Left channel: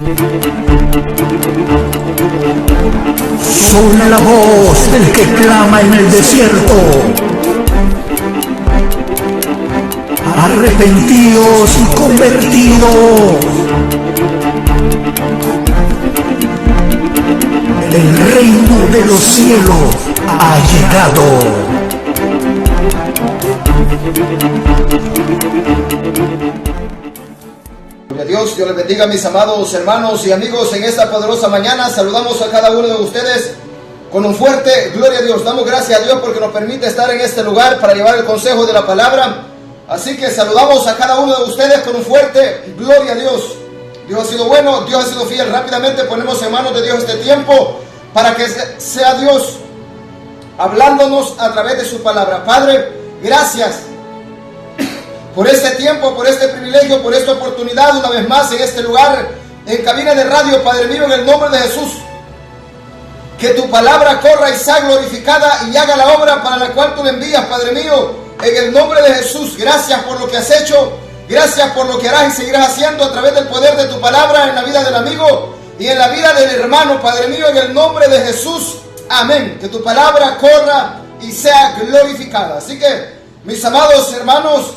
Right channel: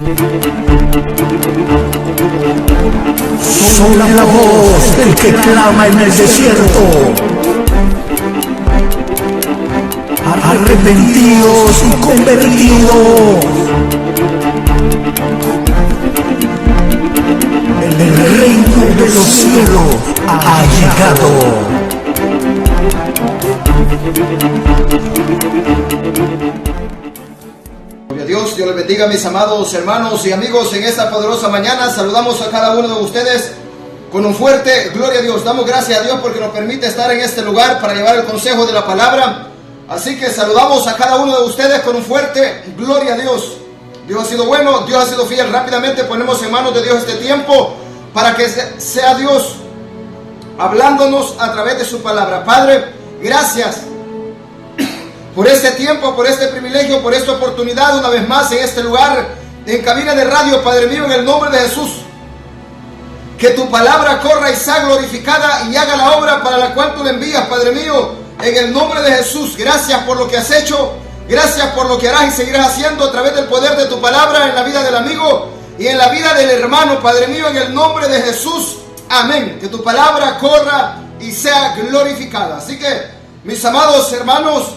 Somos la voz que clama en el desierto. Arrepentidos y convertidos. El reino de los cielos ha llegado. Gloria a Dios, Dios les bendiga, mis amados hermanos y amigos, en esta poderosa mañana. Saludamos a cada uno de ustedes con un fuerte gloria a Dios. Damos gracias a Dios porque nos permite estar en este lugar para llevar el consejo de la palabra. Así que saludamos a cada uno de ustedes con un fuerte gloria a Dios. Dios ha sido bueno, Dios ha sido fiel. Rápidamente ponemos en manos de Dios este tiempo para que sea Dios hablándonos a través de su palabra. Padre, gracias por este tiempo, por este privilegio, por esta oportunidad una vez más en este lugar, en cabina de radio, Padre mío, en el nombre de Jesús. Que tu palabra corra y sea glorificada y haga la obra para la cual tú le envías, Padre mío, en el nombre de Jesús. Gracias por lo que has hecho, gracias por lo que harás y seguirás haciendo a través del poder de tu palabra en la vida del amigo y en la vida del hermano, Padre mío, en el nombre de Jesús. Amén. Que tu palabra corra y sea glorificada. Así que, mis amados hermanos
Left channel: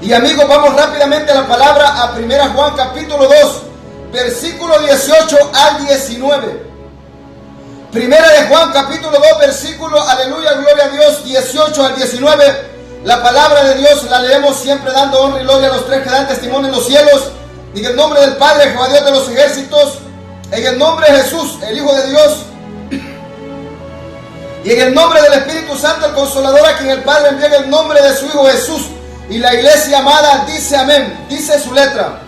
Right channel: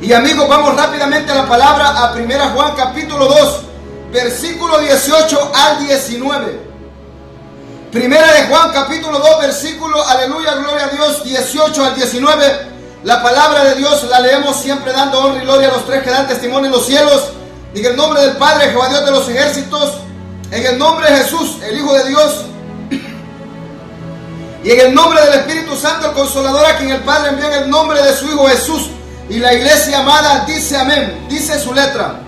y amigos, vamos rápidamente a la palabra, a 1 Juan capítulo 2, versículo 18 al 19. 1 Juan capítulo 2, versículo, aleluya, gloria a Dios, 18 al 19. La palabra de Dios la leemos siempre dando honra y gloria a los tres que dan testimonio en los cielos. En el nombre del Padre, Jehová Dios de los ejércitos, en el nombre de Jesús, el Hijo de Dios, y en el nombre del Espíritu Santo, el Consolador, a quien el Padre envió en el nombre de su Hijo Jesús. Y la iglesia amada dice amén, dice su letra.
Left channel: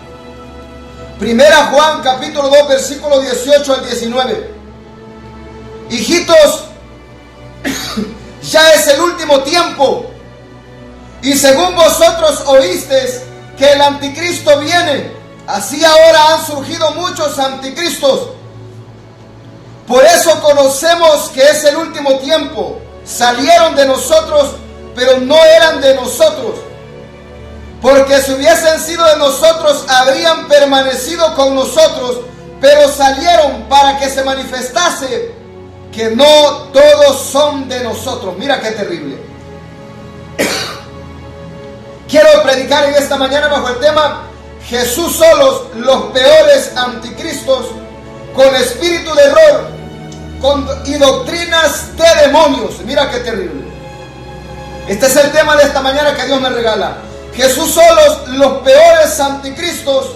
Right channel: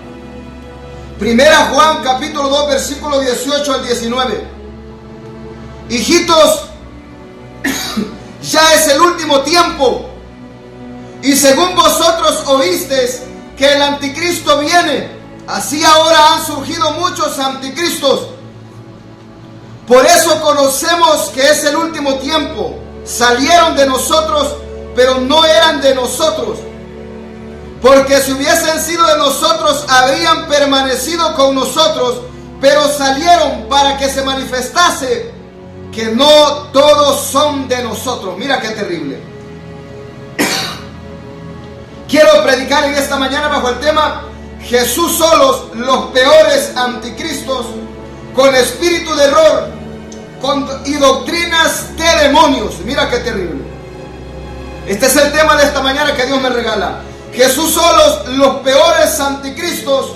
1 Juan capítulo 2, versículo 18 al 19. Hijitos, ya es el último tiempo, y según vosotros oísteis que el anticristo viene, así ahora han surgido muchos anticristos. Por eso conocemos que es el último tiempo. Salieron de nosotros, pero no eran de nosotros. Porque si hubiesen sido de nosotros, habrían permanecido con nosotros, pero salieron para que se manifestase que no todos son de nosotros. Mira qué terrible. Quiero predicar en esta mañana bajo el tema Jesús solos, los peores anticristos, con espíritu de error y doctrinas de demonios. Mira qué terrible. Este es el tema de esta mañana que Dios me regala. Jesús solos, los peores anticristos,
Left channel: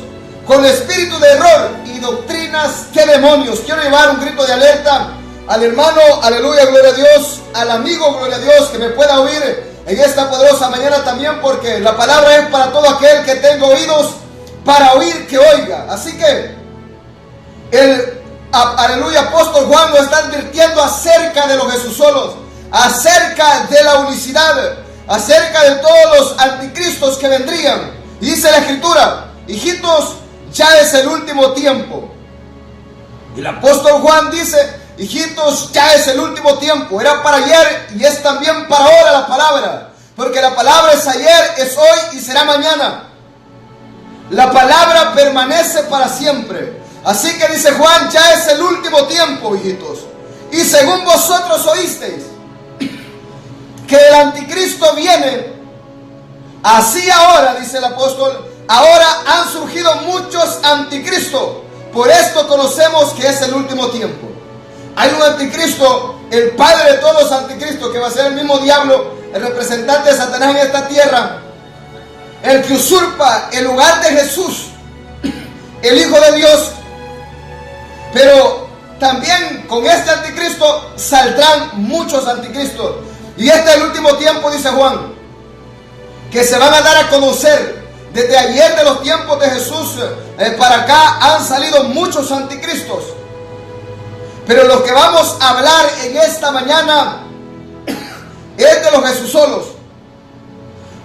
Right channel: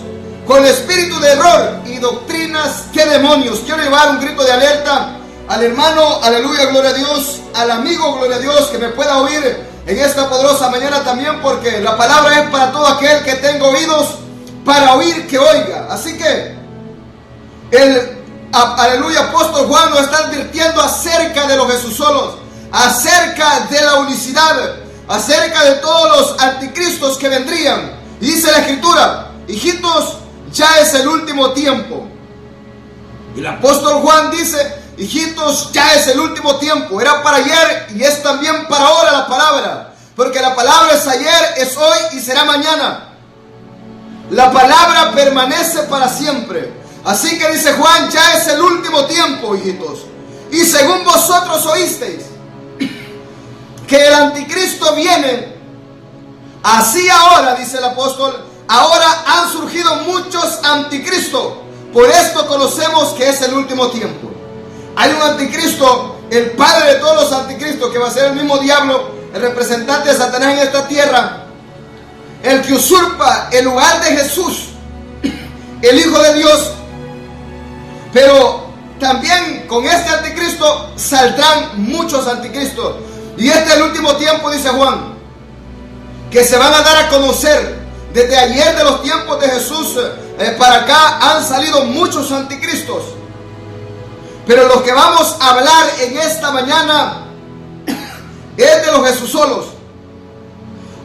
con espíritu de error y doctrinas de demonios. Quiero llevar un grito de alerta al hermano, aleluya, gloria a Dios, al amigo, gloria a Dios, que me pueda oír en esta poderosa mañana también, porque la palabra es para todo aquel que tenga oídos para oír, que oiga. Así que el aleluya apóstol Juan nos está advirtiendo acerca de los Jesús solos, acerca de la unicidad, acerca de todos los anticristos que vendrían. Y dice la escritura: hijitos, ya es el último tiempo. Y el apóstol Juan dice: hijitos, ya es el último tiempo. Era para ayer y es también para ahora la palabra, porque la palabra es ayer, es hoy y será mañana. La palabra permanece para siempre. Así que dice Juan: ya es el último tiempo, hijitos. Y según vosotros oísteis que el anticristo viene, así ahora, dice el apóstol, ahora han surgido muchos anticristos. Por esto conocemos que es el último tiempo. Hay un anticristo, el padre de todos los anticristos, que va a ser el mismo diablo, el representante de Satanás en esta tierra, el que usurpa el lugar de Jesús, el Hijo de Dios. Pero también con este anticristo saldrán muchos anticristos. Y este es el último tiempo, dice Juan, que se van a dar a conocer. Desde ayer de los tiempos de Jesús para acá han salido muchos anticristos. Pero lo que vamos a hablar en esta mañana es de los Jesús solos.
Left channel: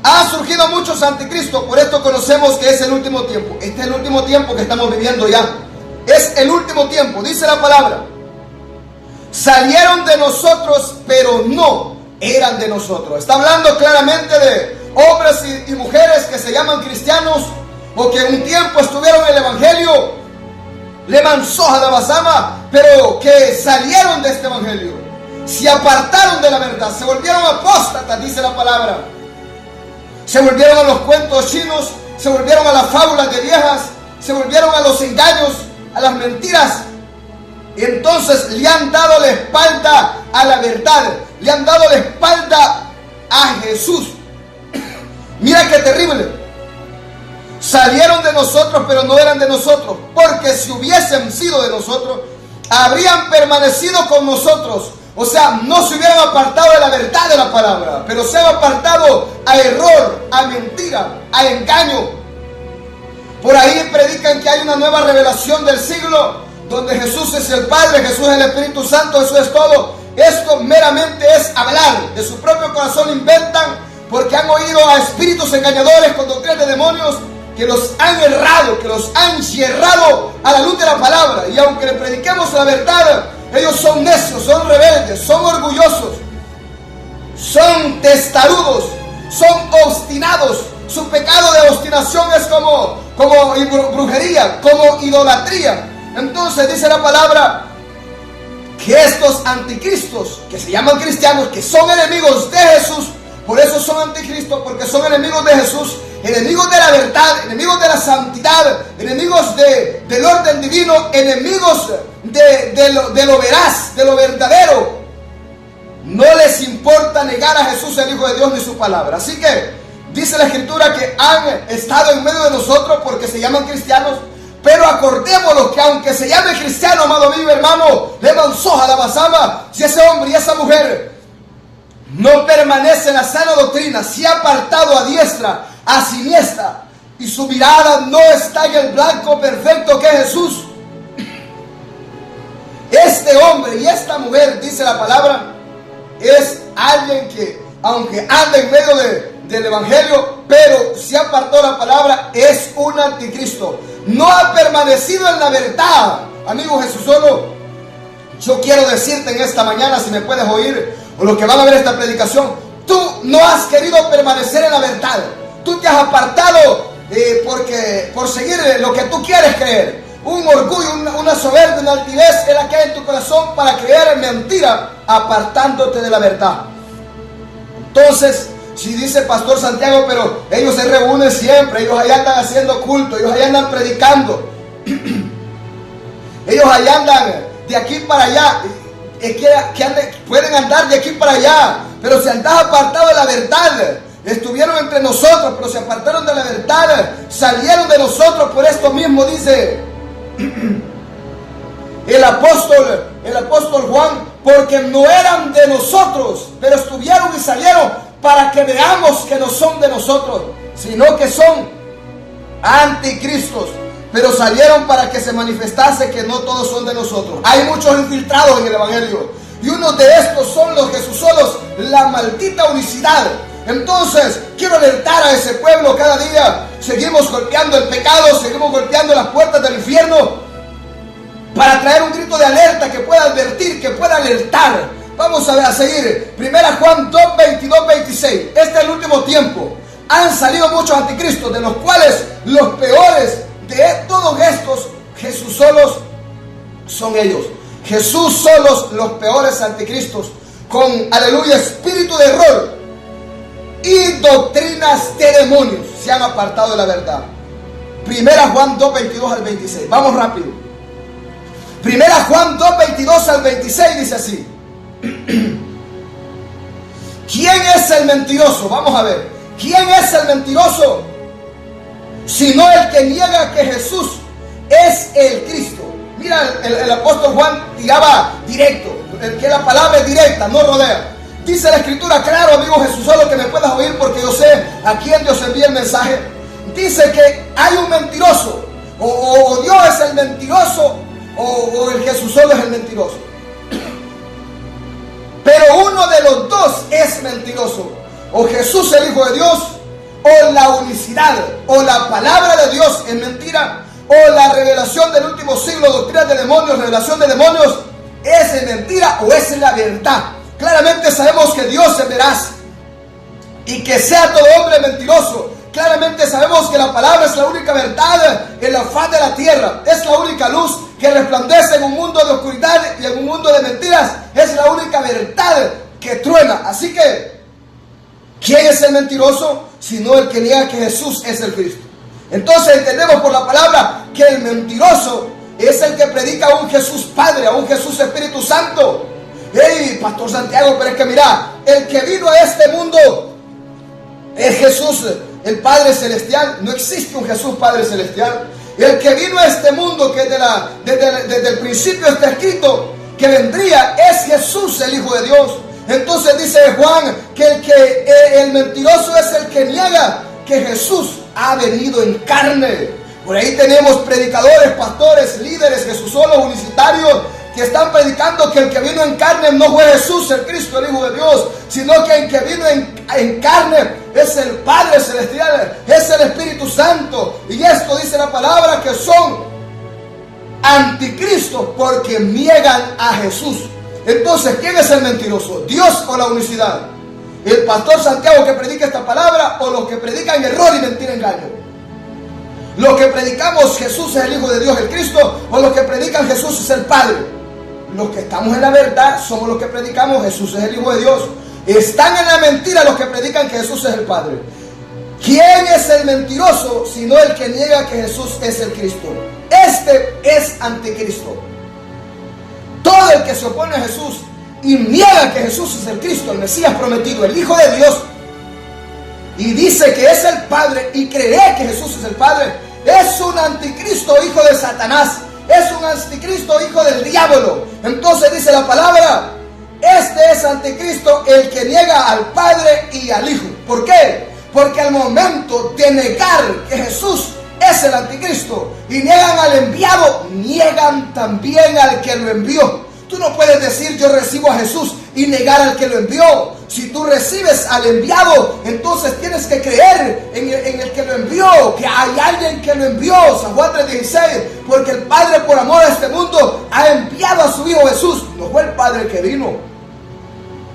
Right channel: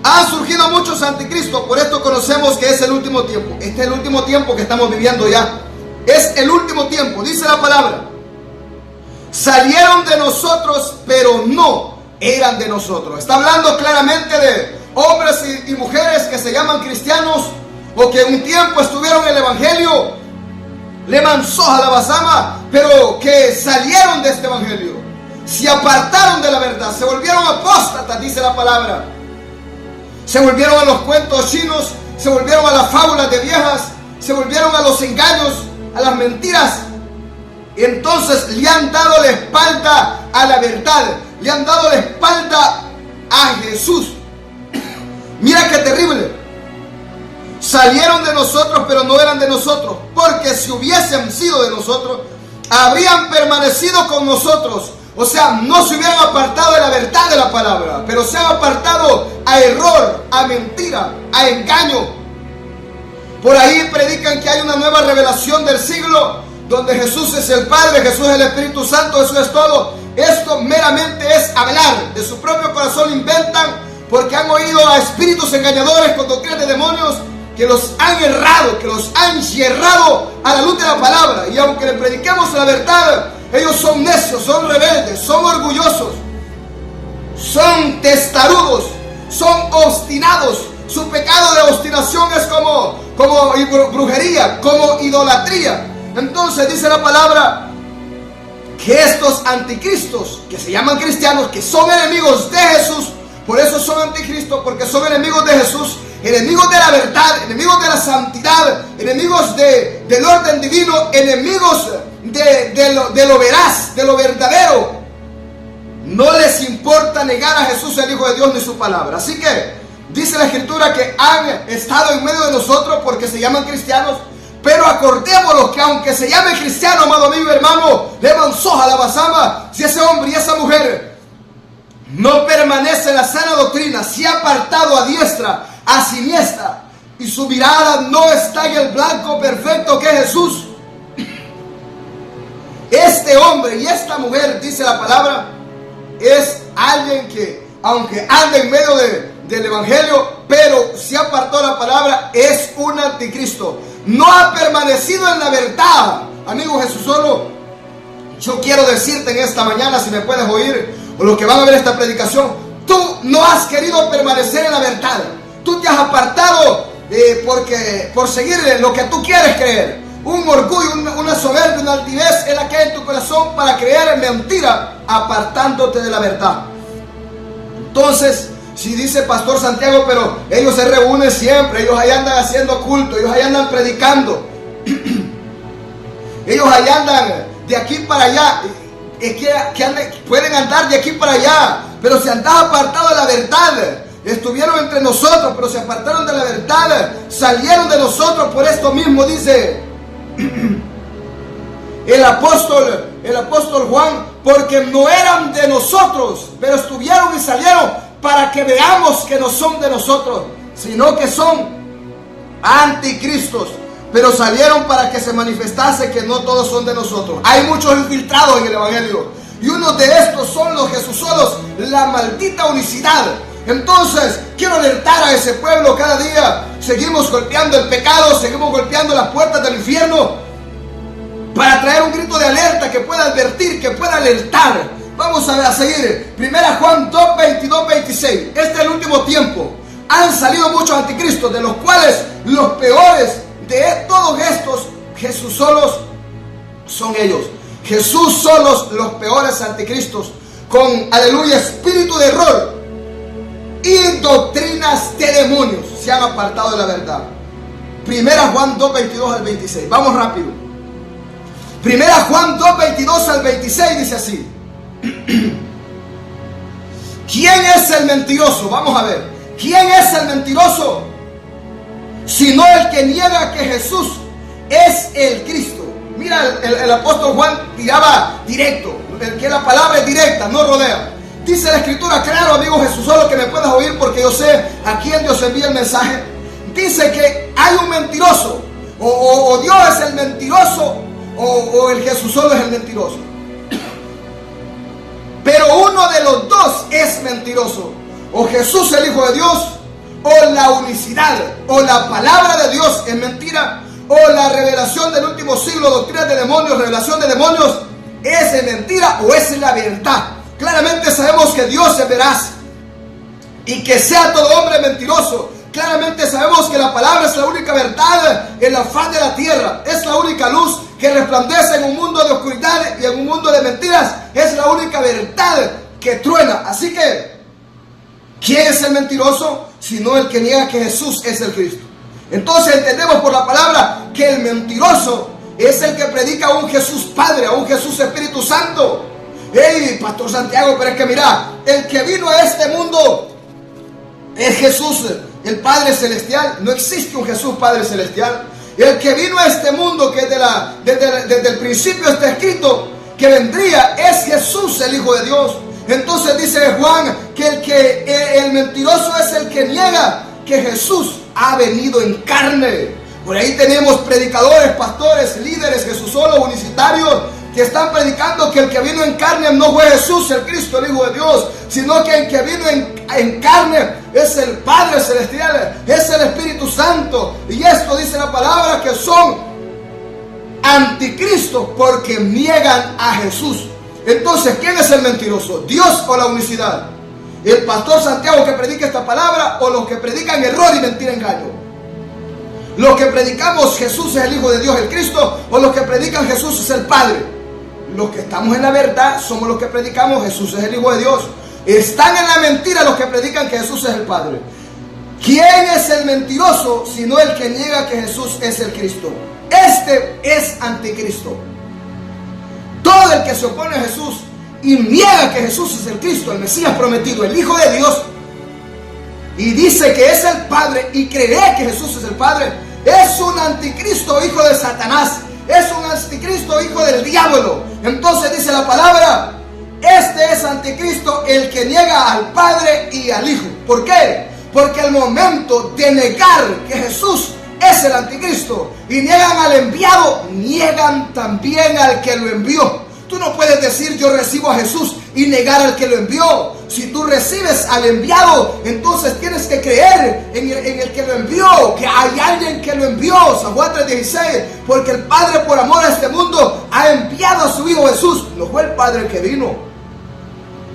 Han surgido muchos anticristos, por esto conocemos que es el último tiempo. Este es el último tiempo que estamos viviendo ya. Es el último tiempo, dice la palabra. Salieron de nosotros, pero no eran de nosotros. Está hablando claramente de hombres y mujeres que se llaman cristianos, o que un tiempo estuvieron en el evangelio, Leman Soja la Basama, pero que salieron de este evangelio, se apartaron de la verdad, se volvieron apóstatas, dice la palabra. Se volvieron a los cuentos chinos, se volvieron a las fábulas de viejas, se volvieron a los engaños, a las mentiras. Y entonces le han dado la espalda a la verdad, le han dado la espalda a Jesús. Mira qué terrible. Salieron de nosotros, pero no eran de nosotros, porque si hubiesen sido de nosotros, habrían permanecido con nosotros. O sea, no se hubieran apartado de la verdad de la palabra, pero se han apartado a error, a mentira, a engaño. Por ahí predican que hay una nueva revelación del siglo, donde Jesús es el Padre, Jesús es el Espíritu Santo, Jesús es todo. Esto meramente es hablar, de su propio corazón lo inventan, porque han oído a espíritus engañadores con doctrinas de demonios, que los han errado, que los han yerrado a la luz de la palabra. Y aunque le prediquemos la verdad, ellos son necios, son rebeldes, son orgullosos, son testarudos, son obstinados. Su pecado de obstinación es como brujería, como idolatría. Entonces dice la palabra que estos anticristos, que se llaman cristianos, que son enemigos de Jesús, por eso son anticristos, porque son enemigos de Jesús, enemigos de la verdad, enemigos de la santidad, enemigos del orden divino, enemigos de lo veraz, de lo verdadero. No les importa negar a Jesús, el Hijo de Dios, ni su palabra. Así que dice la Escritura que han estado en medio de nosotros porque se llaman cristianos. Pero acordémonos que aunque se llame cristiano, amado amigo y hermano, Leman Soja la Basama, si ese hombre y esa mujer no permanece en la sana doctrina, se ha apartado a diestra, a siniestra, y su mirada no está en el blanco perfecto que es Jesús, este hombre y esta mujer, dice la palabra, es alguien que, aunque anda en medio del evangelio, pero se apartó de la palabra, es un anticristo. No ha permanecido en la verdad. Amigo Jesús solo, yo quiero decirte en esta mañana, si me puedes oír, o los que van a ver esta predicación, tú no has querido permanecer en la verdad. Tú te has apartado por seguir lo que tú quieres creer. Un orgullo, una soberbia, una altivez es la que hay en tu corazón para creer en mentira, apartándote de la verdad. Entonces, si dice Pastor Santiago, pero ellos se reúnen siempre, ellos ahí andan haciendo culto, ellos ahí andan predicando, ellos ahí andan de aquí para allá, pueden andar de aquí para allá, pero si andas apartado de la verdad, estuvieron entre nosotros, pero se apartaron de la verdad, salieron de nosotros. Por esto mismo dice el apóstol Juan, porque no eran de nosotros, pero estuvieron y salieron para que veamos que no son de nosotros, sino que son anticristos. Pero salieron para que se manifestase que no todos son de nosotros. Hay muchos infiltrados en el evangelio, y uno de estos son los Jesusolos, la maldita unicidad. Entonces quiero alertar a ese pueblo. Cada día seguimos golpeando el pecado, seguimos golpeando las puertas del infierno, para traer un grito de alerta que pueda advertir, que pueda alertar. Vamos a seguir. 1 Juan 2, 22, 26. Este es el último tiempo. Han salido muchos anticristos, de los cuales los peores de todos estos, Jesús solos, son ellos. Jesús solos, los peores anticristos, con, aleluya, espíritu de error y doctrinas de demonios, se han apartado de la verdad. 1 Juan 2, 22 al 26. Vamos rápido. 1 Juan 2, 22 al 26 dice así. ¿Quién es el mentiroso? Vamos a ver. ¿Quién es el mentiroso? Sino el que niega que Jesús es el Cristo. Mira, el apóstol Juan tiraba directo, que la palabra es directa, no rodea. Dice la Escritura, claro, amigo Jesús, solo que me puedas oír, porque yo sé a quién Dios envía el mensaje. Dice que hay un mentiroso, o Dios es el mentiroso, o el Jesús solo es el mentiroso. Pero uno de los dos es mentiroso. O Jesús, el Hijo de Dios, o la unicidad, o la palabra de Dios es mentira, o la revelación del último siglo, doctrina de demonios, revelación de demonios, es mentira o es la verdad. Claramente sabemos que Dios es veraz, y que sea todo hombre mentiroso, claramente sabemos que la palabra es la única verdad en la faz de la tierra. Es la única luz que resplandece en un mundo de oscuridad y en un mundo de mentiras. Es la única verdad que truena. Así que, ¿quién es el mentiroso? Sino el que niega que Jesús es el Cristo. Entonces entendemos por la palabra que el mentiroso es el que predica a un Jesús Padre, a un Jesús Espíritu Santo. Hey, Pastor Santiago, pero es que mira, el que vino a este mundo es Jesús, el Padre Celestial. No existe un Jesús Padre Celestial. El que vino a este mundo, que desde el principio está escrito que vendría, es Jesús, el Hijo de Dios. Entonces dice Juan que el mentiroso es el que niega que Jesús ha venido en carne. Por ahí tenemos predicadores, pastores, líderes, Jesusolos, unicitarios, que están predicando que el que vino en carne no fue Jesús, el Cristo, el Hijo de Dios, sino que el que vino en carne es el Padre Celestial, es el Espíritu Santo. Y esto dice la palabra que son anticristos porque niegan a Jesús. Entonces, ¿quién es el mentiroso? ¿Dios o la unicidad? ¿El pastor Santiago que predica esta palabra o los que predican error y mentira, engaño? Los que predicamos Jesús es el Hijo de Dios, el Cristo, o los que predican Jesús es el Padre. Los que estamos en la verdad somos los que predicamos Jesús es el Hijo de Dios. Están en la mentira los que predican que Jesús es el Padre. ¿Quién es el mentiroso sino el que niega que Jesús es el Cristo? Este es anticristo. Todo el que se opone a Jesús y niega que Jesús es el Cristo, el Mesías prometido, el Hijo de Dios, y dice que es el Padre y cree que Jesús es el Padre, es un anticristo, hijo de Satanás, es un anticristo, hijo del diablo. Entonces dice la palabra, este es anticristo, el que niega al Padre y al Hijo. ¿Por qué? Porque al momento de negar que Jesús es el anticristo y niegan al enviado, niegan también al que lo envió. Tú no puedes decir yo recibo a Jesús y negar al que lo envió. Si tú recibes al enviado, entonces tienes que creer en el que lo envió, que hay alguien que lo envió. San Juan 3:16, porque el Padre por amor a este mundo ha enviado a su Hijo Jesús. No fue el Padre el que vino,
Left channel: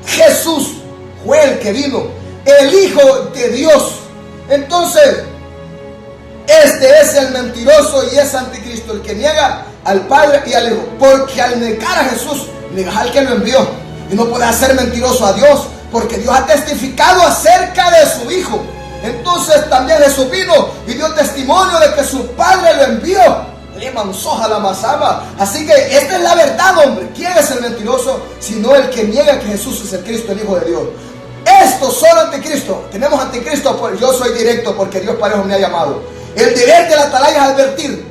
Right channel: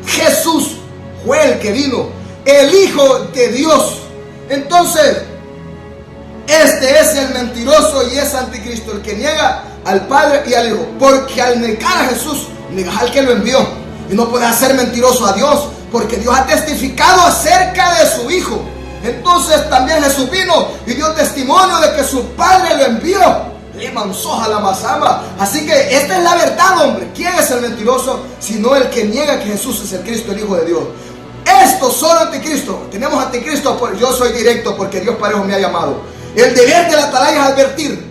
Jesús fue el que vino, el Hijo de Dios. Entonces, este es el mentiroso y es anticristo, el que niega al Padre y al Hijo. Porque al negar a Jesús, negas al que lo envió. Y no puedes hacer mentiroso a Dios, porque Dios ha testificado acerca de su Hijo. Entonces también Jesús vino y dio testimonio de que su Padre lo envió. Le mansoja la masama. Así que esta es la verdad, hombre. ¿Quién es el mentiroso? Sino el que niega que Jesús es el Cristo, el Hijo de Dios. Estos son anticristo. Tenemos anticristo, pues yo soy directo porque Dios parejo me ha llamado. El deber de la atalaya es advertir.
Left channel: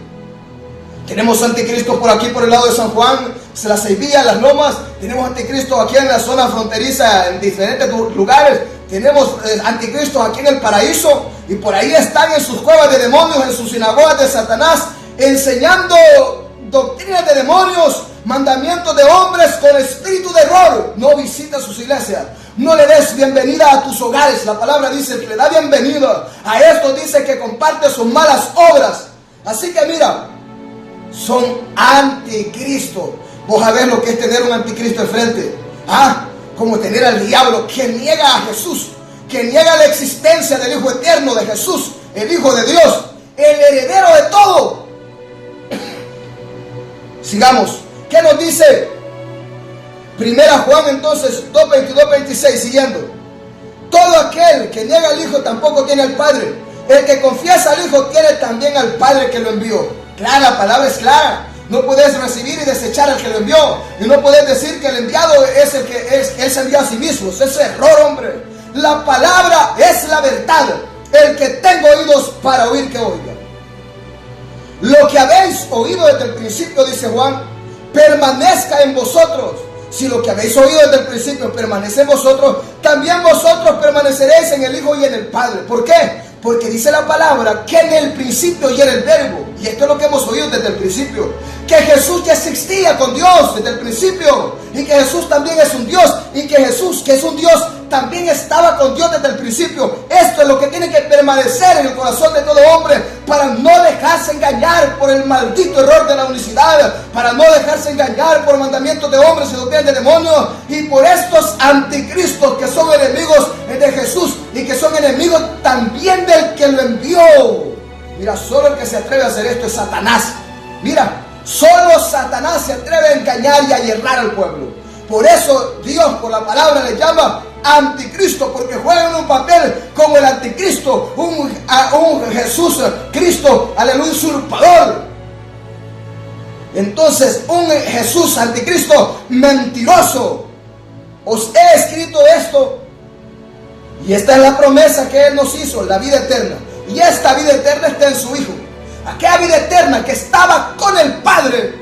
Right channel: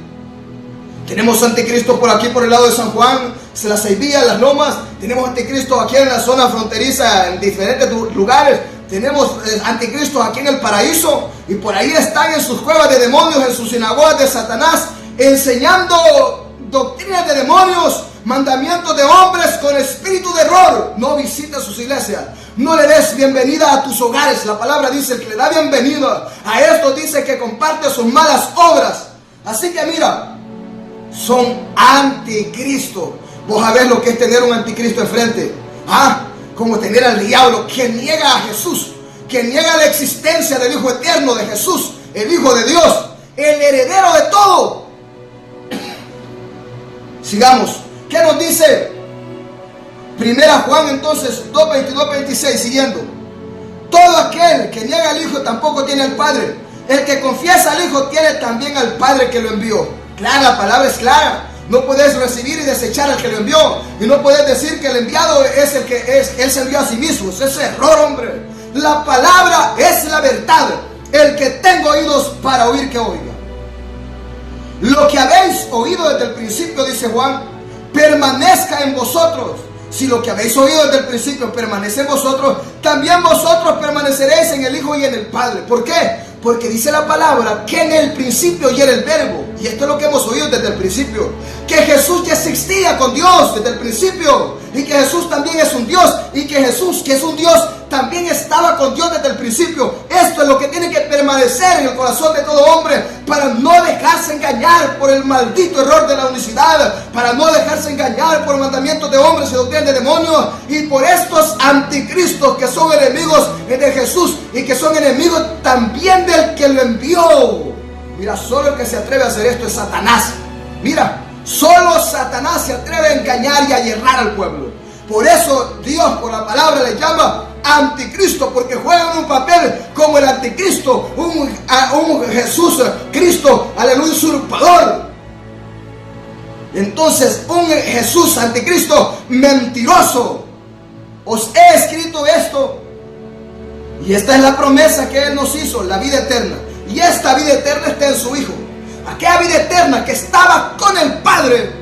Tenemos anticristo por aquí, por el lado de San Juan, la Ceibilla, las Lomas. Tenemos anticristo aquí en la zona fronteriza, en diferentes lugares. Tenemos anticristo aquí en el paraíso. Y por ahí están en sus cuevas de demonios, en sus sinagogas de Satanás, enseñando doctrinas de demonios, mandamientos de hombres con espíritu de error. No visites sus iglesias. No le des bienvenida a tus hogares. La palabra dice que le da bienvenida. A esto dice que comparte sus malas obras. Así que mira, son anticristo. Vos sabés lo que es tener un anticristo enfrente. Como tener al diablo que niega a Jesús, que niega la existencia del Hijo eterno de Jesús, el Hijo de Dios, el heredero de todo. Sigamos. ¿Qué nos dice? Primera Juan entonces 2:22-26, siguiendo. Todo aquel que niega al Hijo tampoco tiene al Padre. El que confiesa al Hijo tiene también al Padre que lo envió. Clara, la palabra es clara. No puedes recibir y desechar al que lo envió. Y no puedes decir que el enviado es el que él se envió a sí mismo. Es error, hombre. La palabra es la verdad. El que tenga oídos para oír, que oiga. Lo que habéis oído desde el principio, dice Juan, permanezca en vosotros. Si lo que habéis oído desde el principio permanece en vosotros, también vosotros permaneceréis en el Hijo y en el Padre. ¿Por qué? Porque dice la palabra que en el principio ya era el Verbo. Y esto es lo que hemos oído desde el principio, que Jesús ya existía con Dios desde el principio, y que Jesús también es un Dios, y que Jesús, que es un Dios, también estaba con Dios desde el principio. Esto es lo que tiene que permanecer en el corazón de todo hombre, para no dejarse engañar por el maldito error de la unicidad, para no dejarse engañar por mandamientos de hombres y doctrinas de demonios, y por estos anticristos que son enemigos de Jesús, y que son enemigos también del que lo envió. Mira, solo el que se atreve a hacer esto es Satanás. Mira, solo Satanás se atreve a engañar y a yerrar al pueblo. Por eso Dios, por la palabra, le llama anticristo, porque juegan un papel como el anticristo, un Jesús, Cristo, aleluya, usurpador. Entonces, un Jesús anticristo mentiroso. Os he escrito esto, y esta es la promesa que Él nos hizo, la vida eterna. Y esta vida eterna está en su Hijo. Aquella vida eterna que estaba con el Padre.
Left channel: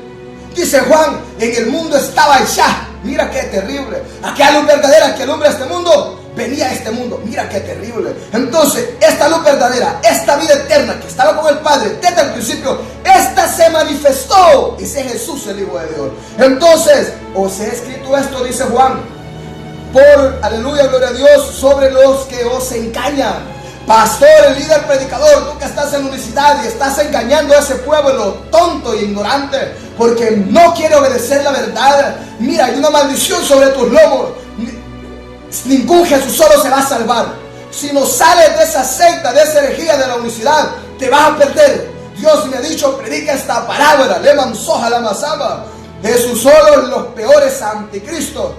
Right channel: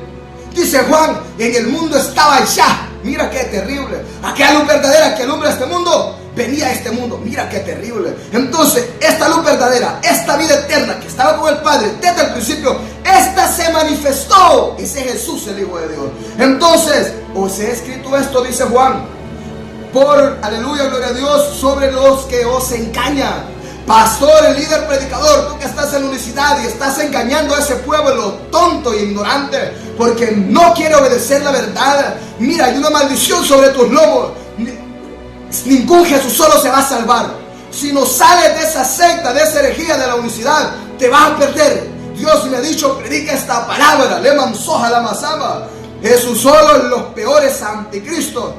Dice Juan, en el mundo estaba ya. Mira qué terrible. Aquella luz verdadera que alumbra este mundo, venía a este mundo. Mira qué terrible. Entonces, esta luz verdadera, esta vida eterna que estaba con el Padre desde el principio, esta se manifestó. Ese es Jesús, el Hijo de Dios. Entonces, os he escrito esto, dice Juan, por, aleluya, gloria a Dios, sobre los que os engañan. Pastor, el líder predicador, tú que estás en la unicidad y estás engañando a ese pueblo tonto e ignorante, porque no quiere obedecer la verdad. Mira, hay una maldición sobre tus lomos. Ningún Jesús solo se va a salvar. Si no sales de esa secta, de esa herejía de la unicidad, te vas a perder. Dios me ha dicho, predica esta palabra. Leman soja la masamba. Jesús solo los peores anticristos,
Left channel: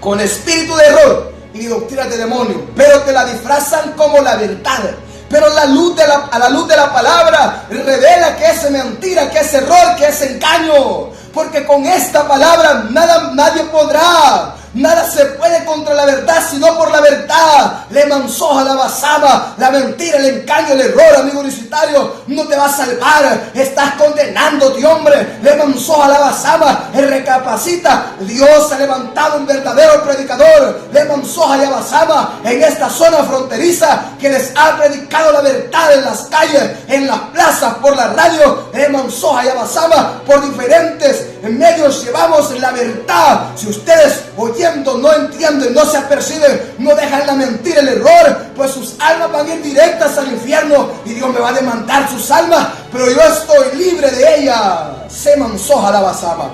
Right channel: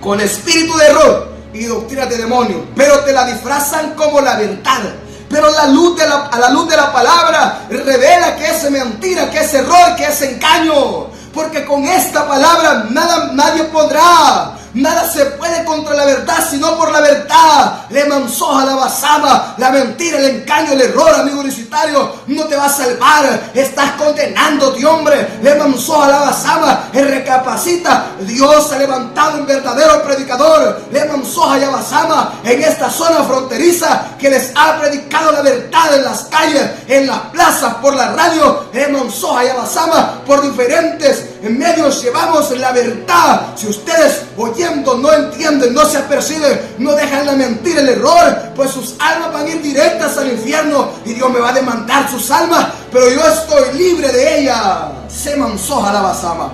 con espíritu de error y doctrinas de demonio, pero te la disfrazan como la verdad. Pero a la luz de la palabra revela que es mentira, que es error, que es engaño. Porque con esta palabra nadie podrá, nada se puede contra la verdad, sino por la verdad. Le mansoja la basaba, la mentira, el engaño, el error, amigo universitario, no te va a salvar. Estás condenándote, hombre. Le mansoja la basaba, el recapacita. Dios ha levantado un verdadero predicador. Le mansoja la basaba en esta zona fronteriza, que les ha predicado la verdad en las calles, en las plazas, por la radio. Le mansoja la basaba, por diferentes en medios llevamos la verdad. Si ustedes oyendo no entienden, no se aperciben, no dejan la mentira, el error, pues sus almas van a ir directas al infierno y Dios me va a demandar sus almas, pero yo estoy libre de ella. Se mansoja la basama.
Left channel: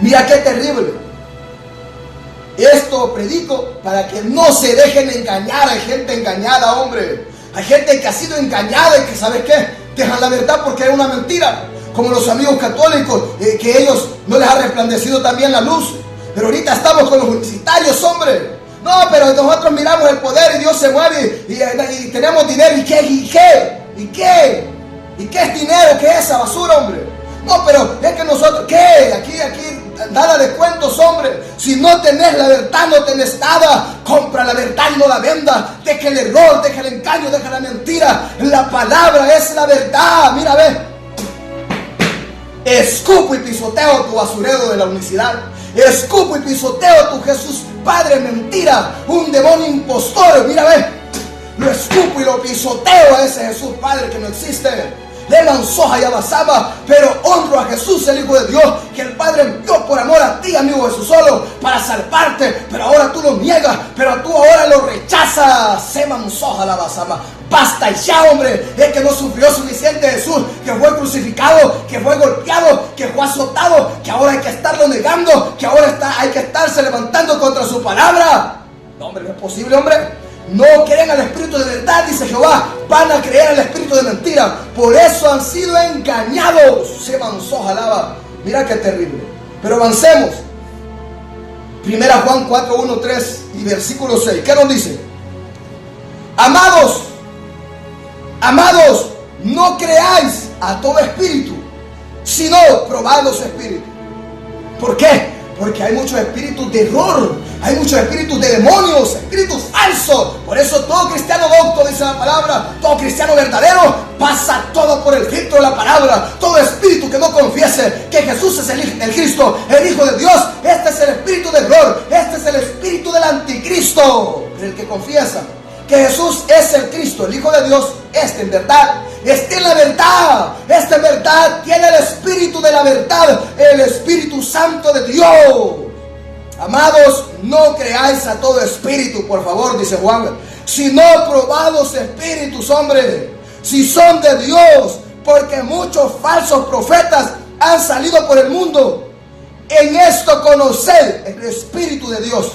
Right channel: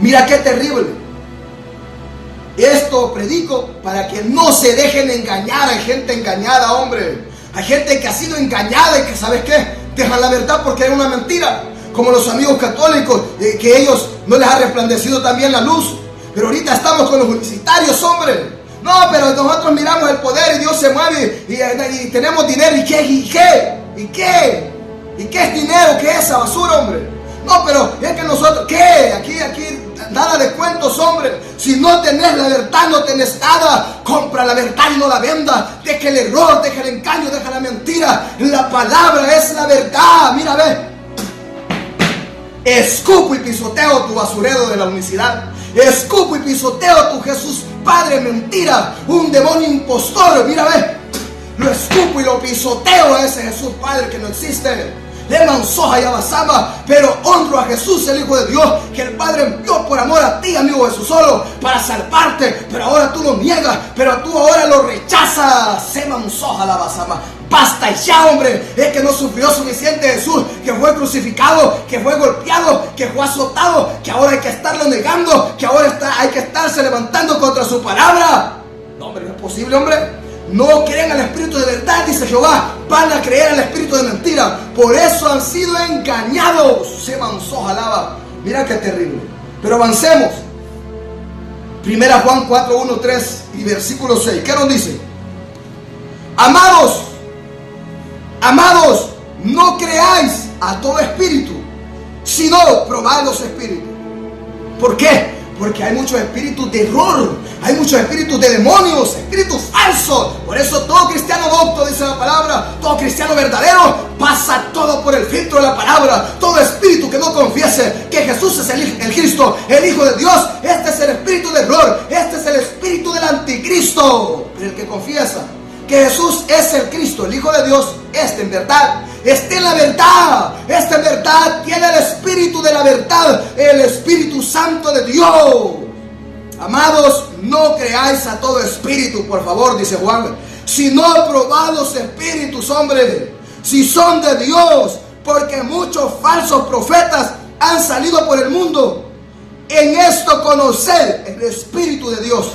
Mira qué terrible. Esto predico para que no se dejen engañar. Hay gente engañada, hombre. Hay gente que ha sido engañada y que, ¿sabes qué? Dejan la verdad porque es una mentira. Como los amigos católicos, que ellos no les ha resplandecido también la luz. Pero ahorita estamos con los universitarios, hombre. No, pero nosotros miramos el poder y Dios se mueve y tenemos dinero. ¿Y qué? ¿Y qué? ¿Y qué? ¿Y qué es dinero? ¿Qué es esa basura, hombre? No, pero es que nosotros, ¿qué? Aquí, nada de cuentos, hombre. Si no tenés la verdad, no tenés nada. Compra la verdad y no la vendas. Deja el error, deja el engaño, deja la mentira. La palabra es la verdad. Mira, ve. Escupo y pisoteo tu basurero de la unicidad. Escupo y pisoteo tu Jesús Padre mentira, un demonio impostor. Mira, ve, lo escupo y lo pisoteo a ese Jesús Padre que no existe. Le mansoja y abasama, pero honro a Jesús, el Hijo de Dios, que el Padre envió por amor a ti, amigo Jesús, solo para salvarte. Pero ahora tú lo niegas, pero tú ahora lo rechazas. Se mansoja la abasama. Basta ya, hombre. Es que no sufrió suficiente Jesús, que fue crucificado, que fue golpeado, que fue azotado, que ahora hay que estarlo negando, que ahora hay que estarse levantando contra su palabra. No, hombre, no es posible, hombre. No creen al espíritu de verdad, dice Jehová, van a creer al espíritu de mentira. Por eso han sido engañados. Se mansoja lava. Mira qué terrible. Pero avancemos. Primera Juan 4, 1, 3 y versículo 6. ¿Qué nos dice? Amados, no creáis a todo espíritu, sino probad los espíritus. ¿Por qué? Porque hay muchos espíritus de error, hay muchos espíritus de demonios, espíritus falsos. Por eso todo cristiano docto, dice la palabra, todo cristiano verdadero, pasa todo por el filtro de la palabra. Todo espíritu que no confiese que Jesús es el Cristo, el Hijo de Dios, este es el espíritu de error, este es el espíritu del anticristo. Pero el que confiesa que Jesús es el Cristo, el Hijo de Dios, en verdad esté en la verdad. Esta verdad tiene el espíritu de la verdad, el Espíritu Santo de Dios. Amados, no creáis a todo espíritu, por favor, dice Juan, sino probados espíritus, hombre, si son de Dios, porque muchos falsos profetas han salido por el mundo. En esto conoced el Espíritu de Dios.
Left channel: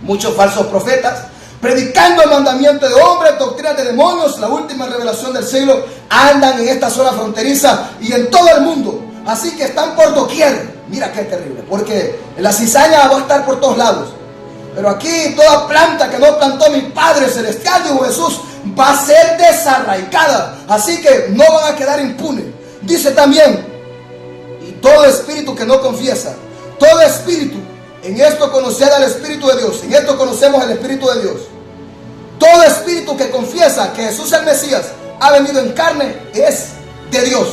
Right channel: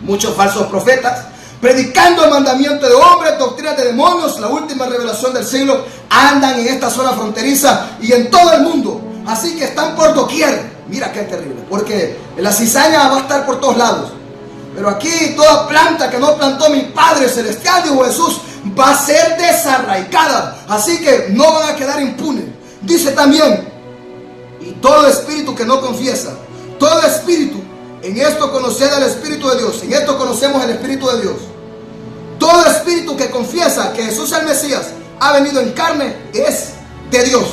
Muchos falsos profetas, predicando el mandamiento de hombres, doctrinas de demonios, la última revelación del siglo, andan en esta zona fronteriza y en todo el mundo. Así que están por doquier. Mira qué terrible, porque la cizaña va a estar por todos lados. Pero aquí toda planta que no plantó mi Padre Celestial, dijo Jesús, va a ser desarraigada. Así que no van a quedar impunes. Dice también, y todo espíritu que no confiesa, todo espíritu, en esto conoced al Espíritu de Dios, en esto conocemos el Espíritu de Dios. Todo espíritu que confiesa que Jesús el Mesías ha venido en carne es de Dios.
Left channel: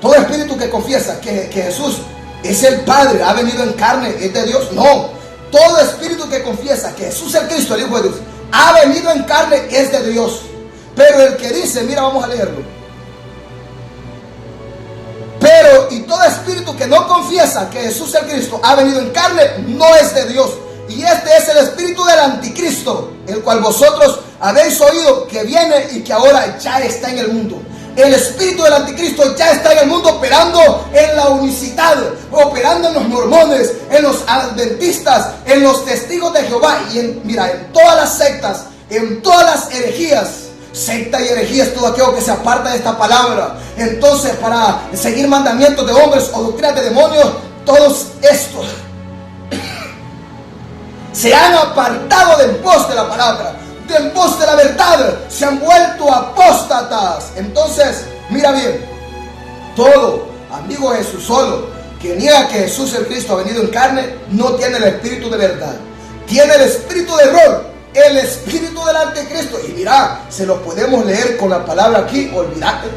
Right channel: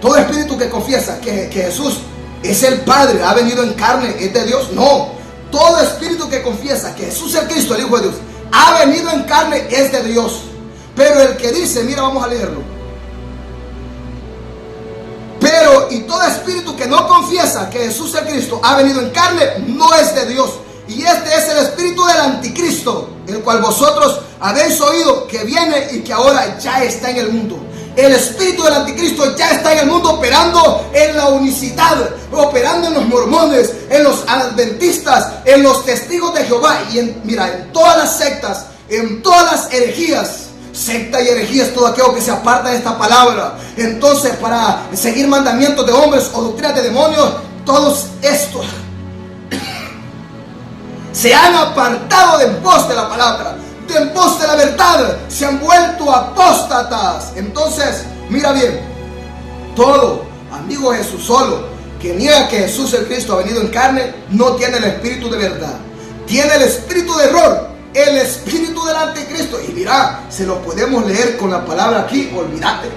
Todo espíritu que confiesa que Jesús es el Padre, ha venido en carne, es de Dios. No, todo espíritu que confiesa que Jesús es el Cristo, el Hijo de Dios, ha venido en carne, es de Dios. Pero el que dice, mira, vamos a leerlo. Pero, y todo espíritu que no confiesa que Jesús es el Cristo, ha venido en carne, no es de Dios. Y este es el espíritu del anticristo, el cual vosotros habéis oído que viene y que ahora ya está en el mundo. El espíritu del anticristo ya está en el mundo, operando en la unicidad, operando en los mormones, en los adventistas, en los testigos de Jehová y en todas las sectas, en todas las herejías. Secta y herejía es todo aquello que se aparta de esta palabra. Entonces, para seguir mandamientos de hombres o doctrinas de demonios, todos estos se han apartado de en pos de la palabra, de en pos de la verdad, se han vuelto apóstatas. Entonces, mira bien, todo amigo de Jesús solo que niega que Jesús el Cristo ha venido en carne, no tiene el espíritu de verdad, tiene el espíritu de error, el espíritu del anticristo. Y mira, se lo podemos leer con la palabra aquí, olvídate.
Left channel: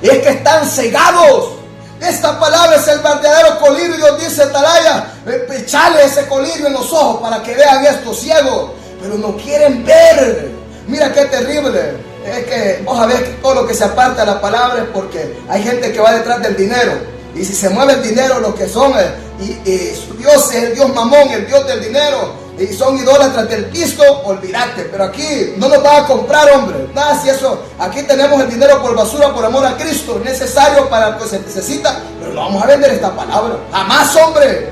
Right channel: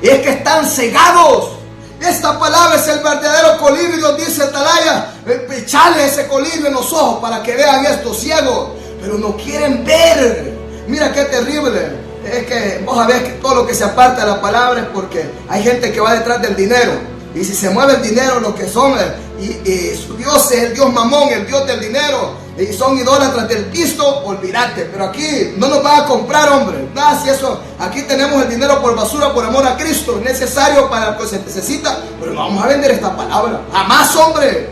Es que están cegados. Esta palabra es el verdadero colirio. Dios dice, Atalaya, echale ese colirio en los ojos para que vean estos ciegos. Pero no quieren ver. Mira qué terrible. Es que vos sabés que todo lo que se aparta de la palabra es porque hay gente que va detrás del dinero. Y si se mueve el dinero, los que son, y su Dios es el Dios mamón, el Dios del dinero, y son idólatras del pisto, olvídate. Pero aquí no nos van a comprar, hombre. Nada, si eso, aquí tenemos el dinero por basura, por amor a Cristo, necesario para lo que se necesita, pero no vamos a vender esta palabra. Jamás, hombre.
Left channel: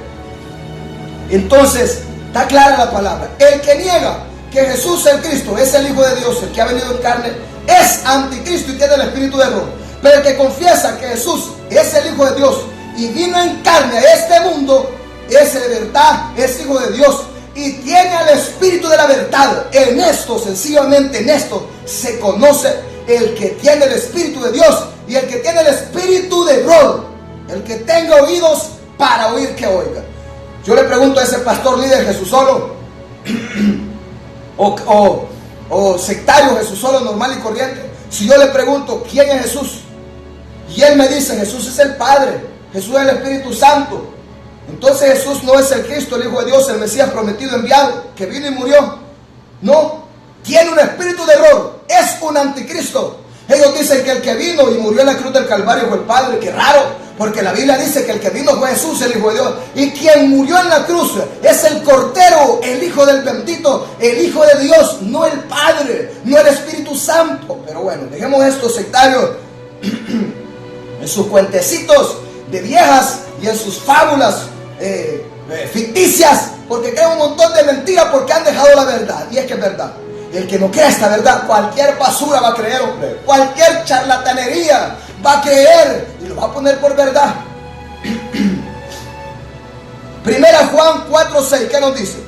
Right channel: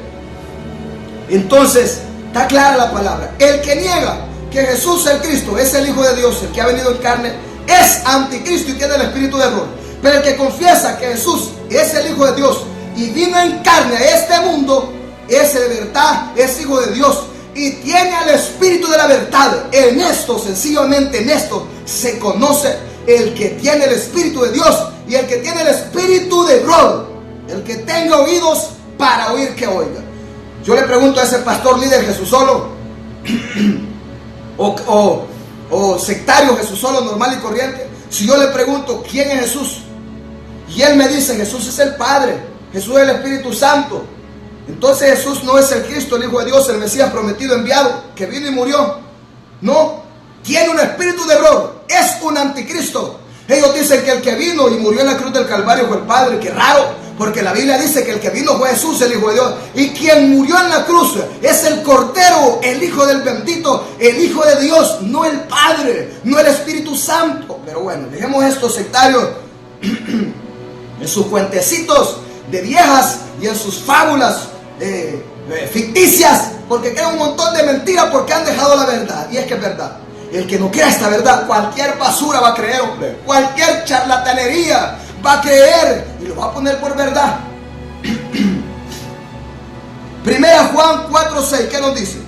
Entonces, está clara la palabra. El que niega que Jesús el Cristo es el Hijo de Dios, el que ha venido en carne, es anticristo y tiene el espíritu de error. Pero el que confiesa que Jesús es el Hijo de Dios y vino en carne a este mundo, es de verdad, es Hijo de Dios y tiene el espíritu de la verdad. En esto, sencillamente en esto, se conoce el que tiene el espíritu de Dios y el que tiene el espíritu de error. El que tenga oídos para oír, que oiga. Yo le pregunto a ese pastor líder Jesús solo o sectario Jesús solo normal y corriente, si yo le pregunto quién es Jesús y él me dice Jesús es el Padre, Jesús es el Espíritu Santo, entonces Jesús no es el Cristo, el Hijo de Dios, el Mesías prometido, enviado, que vino y murió. No, tiene un espíritu de error, es un anticristo. Ellos dicen que el que vino y murió en la cruz del Calvario fue el Padre. Qué raro, porque la Biblia dice que el que vino fue Jesús, el Hijo de Dios, y quien murió en la cruz es el Cordero, el Hijo del bendito, el Hijo de Dios, no el Padre, no el Espíritu Santo. Pero bueno, dejemos estos sectarios en sus cuentecitos de viejas y en sus fábulas ficticias, porque crean un montón de mentiras porque han dejado la verdad. Y es que es verdad. El que no crea esta verdad, cualquier basura va a creer, hombre. Cualquier charlatanería va a creer y lo va a poner por verdad. Primera Juan 4:6, ¿qué nos dice?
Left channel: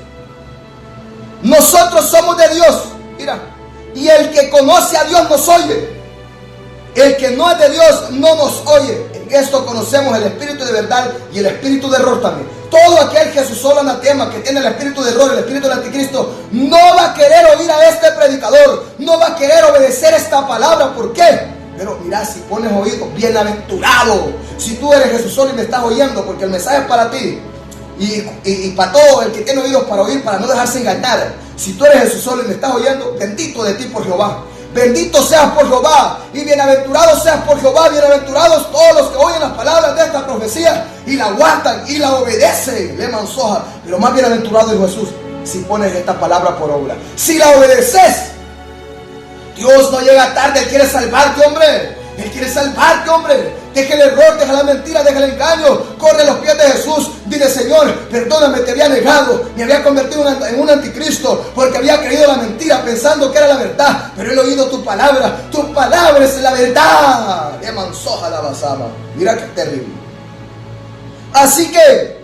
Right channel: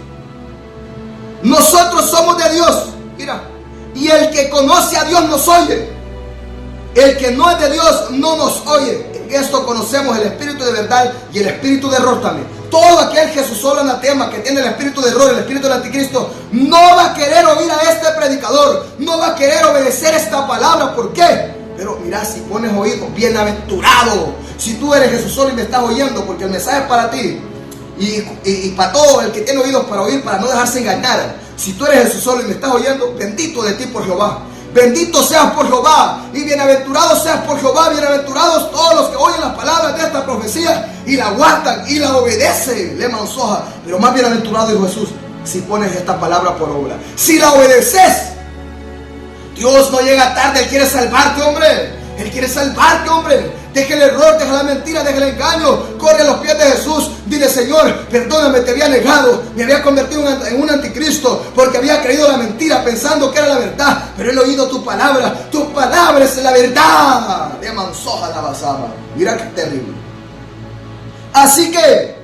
Nosotros somos de Dios, mira, y el que conoce a Dios nos oye. El que no es de Dios no nos oye. En esto conocemos el espíritu de verdad y el espíritu de error también. Todo aquel Jesús solo anatema que tiene el espíritu de error, el espíritu del anticristo, no va a querer oír a este predicador, no va a querer obedecer esta palabra. ¿Por qué? Pero mira, si pones oído, bienaventurado. Si tú eres Jesús solo y me estás oyendo, porque el mensaje es para ti y para todo el que tiene oídos para oír, para no dejarse engañar. Si tú eres Jesús solo y me estás oyendo, bendito de ti por Jehová. bendito seas por Jehová y bienaventurado seas por Jehová, bienaventurados todos los que oyen las palabras de esta profecía y la guardan y la obedecen. Le mansoja, pero más bienaventurado dijo Jesús si pones esta palabra por obra, si la obedeces. Dios no llega tarde, Él quiere salvarte, hombre. Él quiere salvarte, hombre. Deja el error, deja la mentira, deja el engaño. Corre a los pies de Jesús. Dile: Señor, perdóname, te había negado, me había convertido en un anticristo, porque había creído la mentira pensando que era la verdad. Pero he oído tu palabra es la verdad. De mansoja la basama. Mira qué terrible. Así que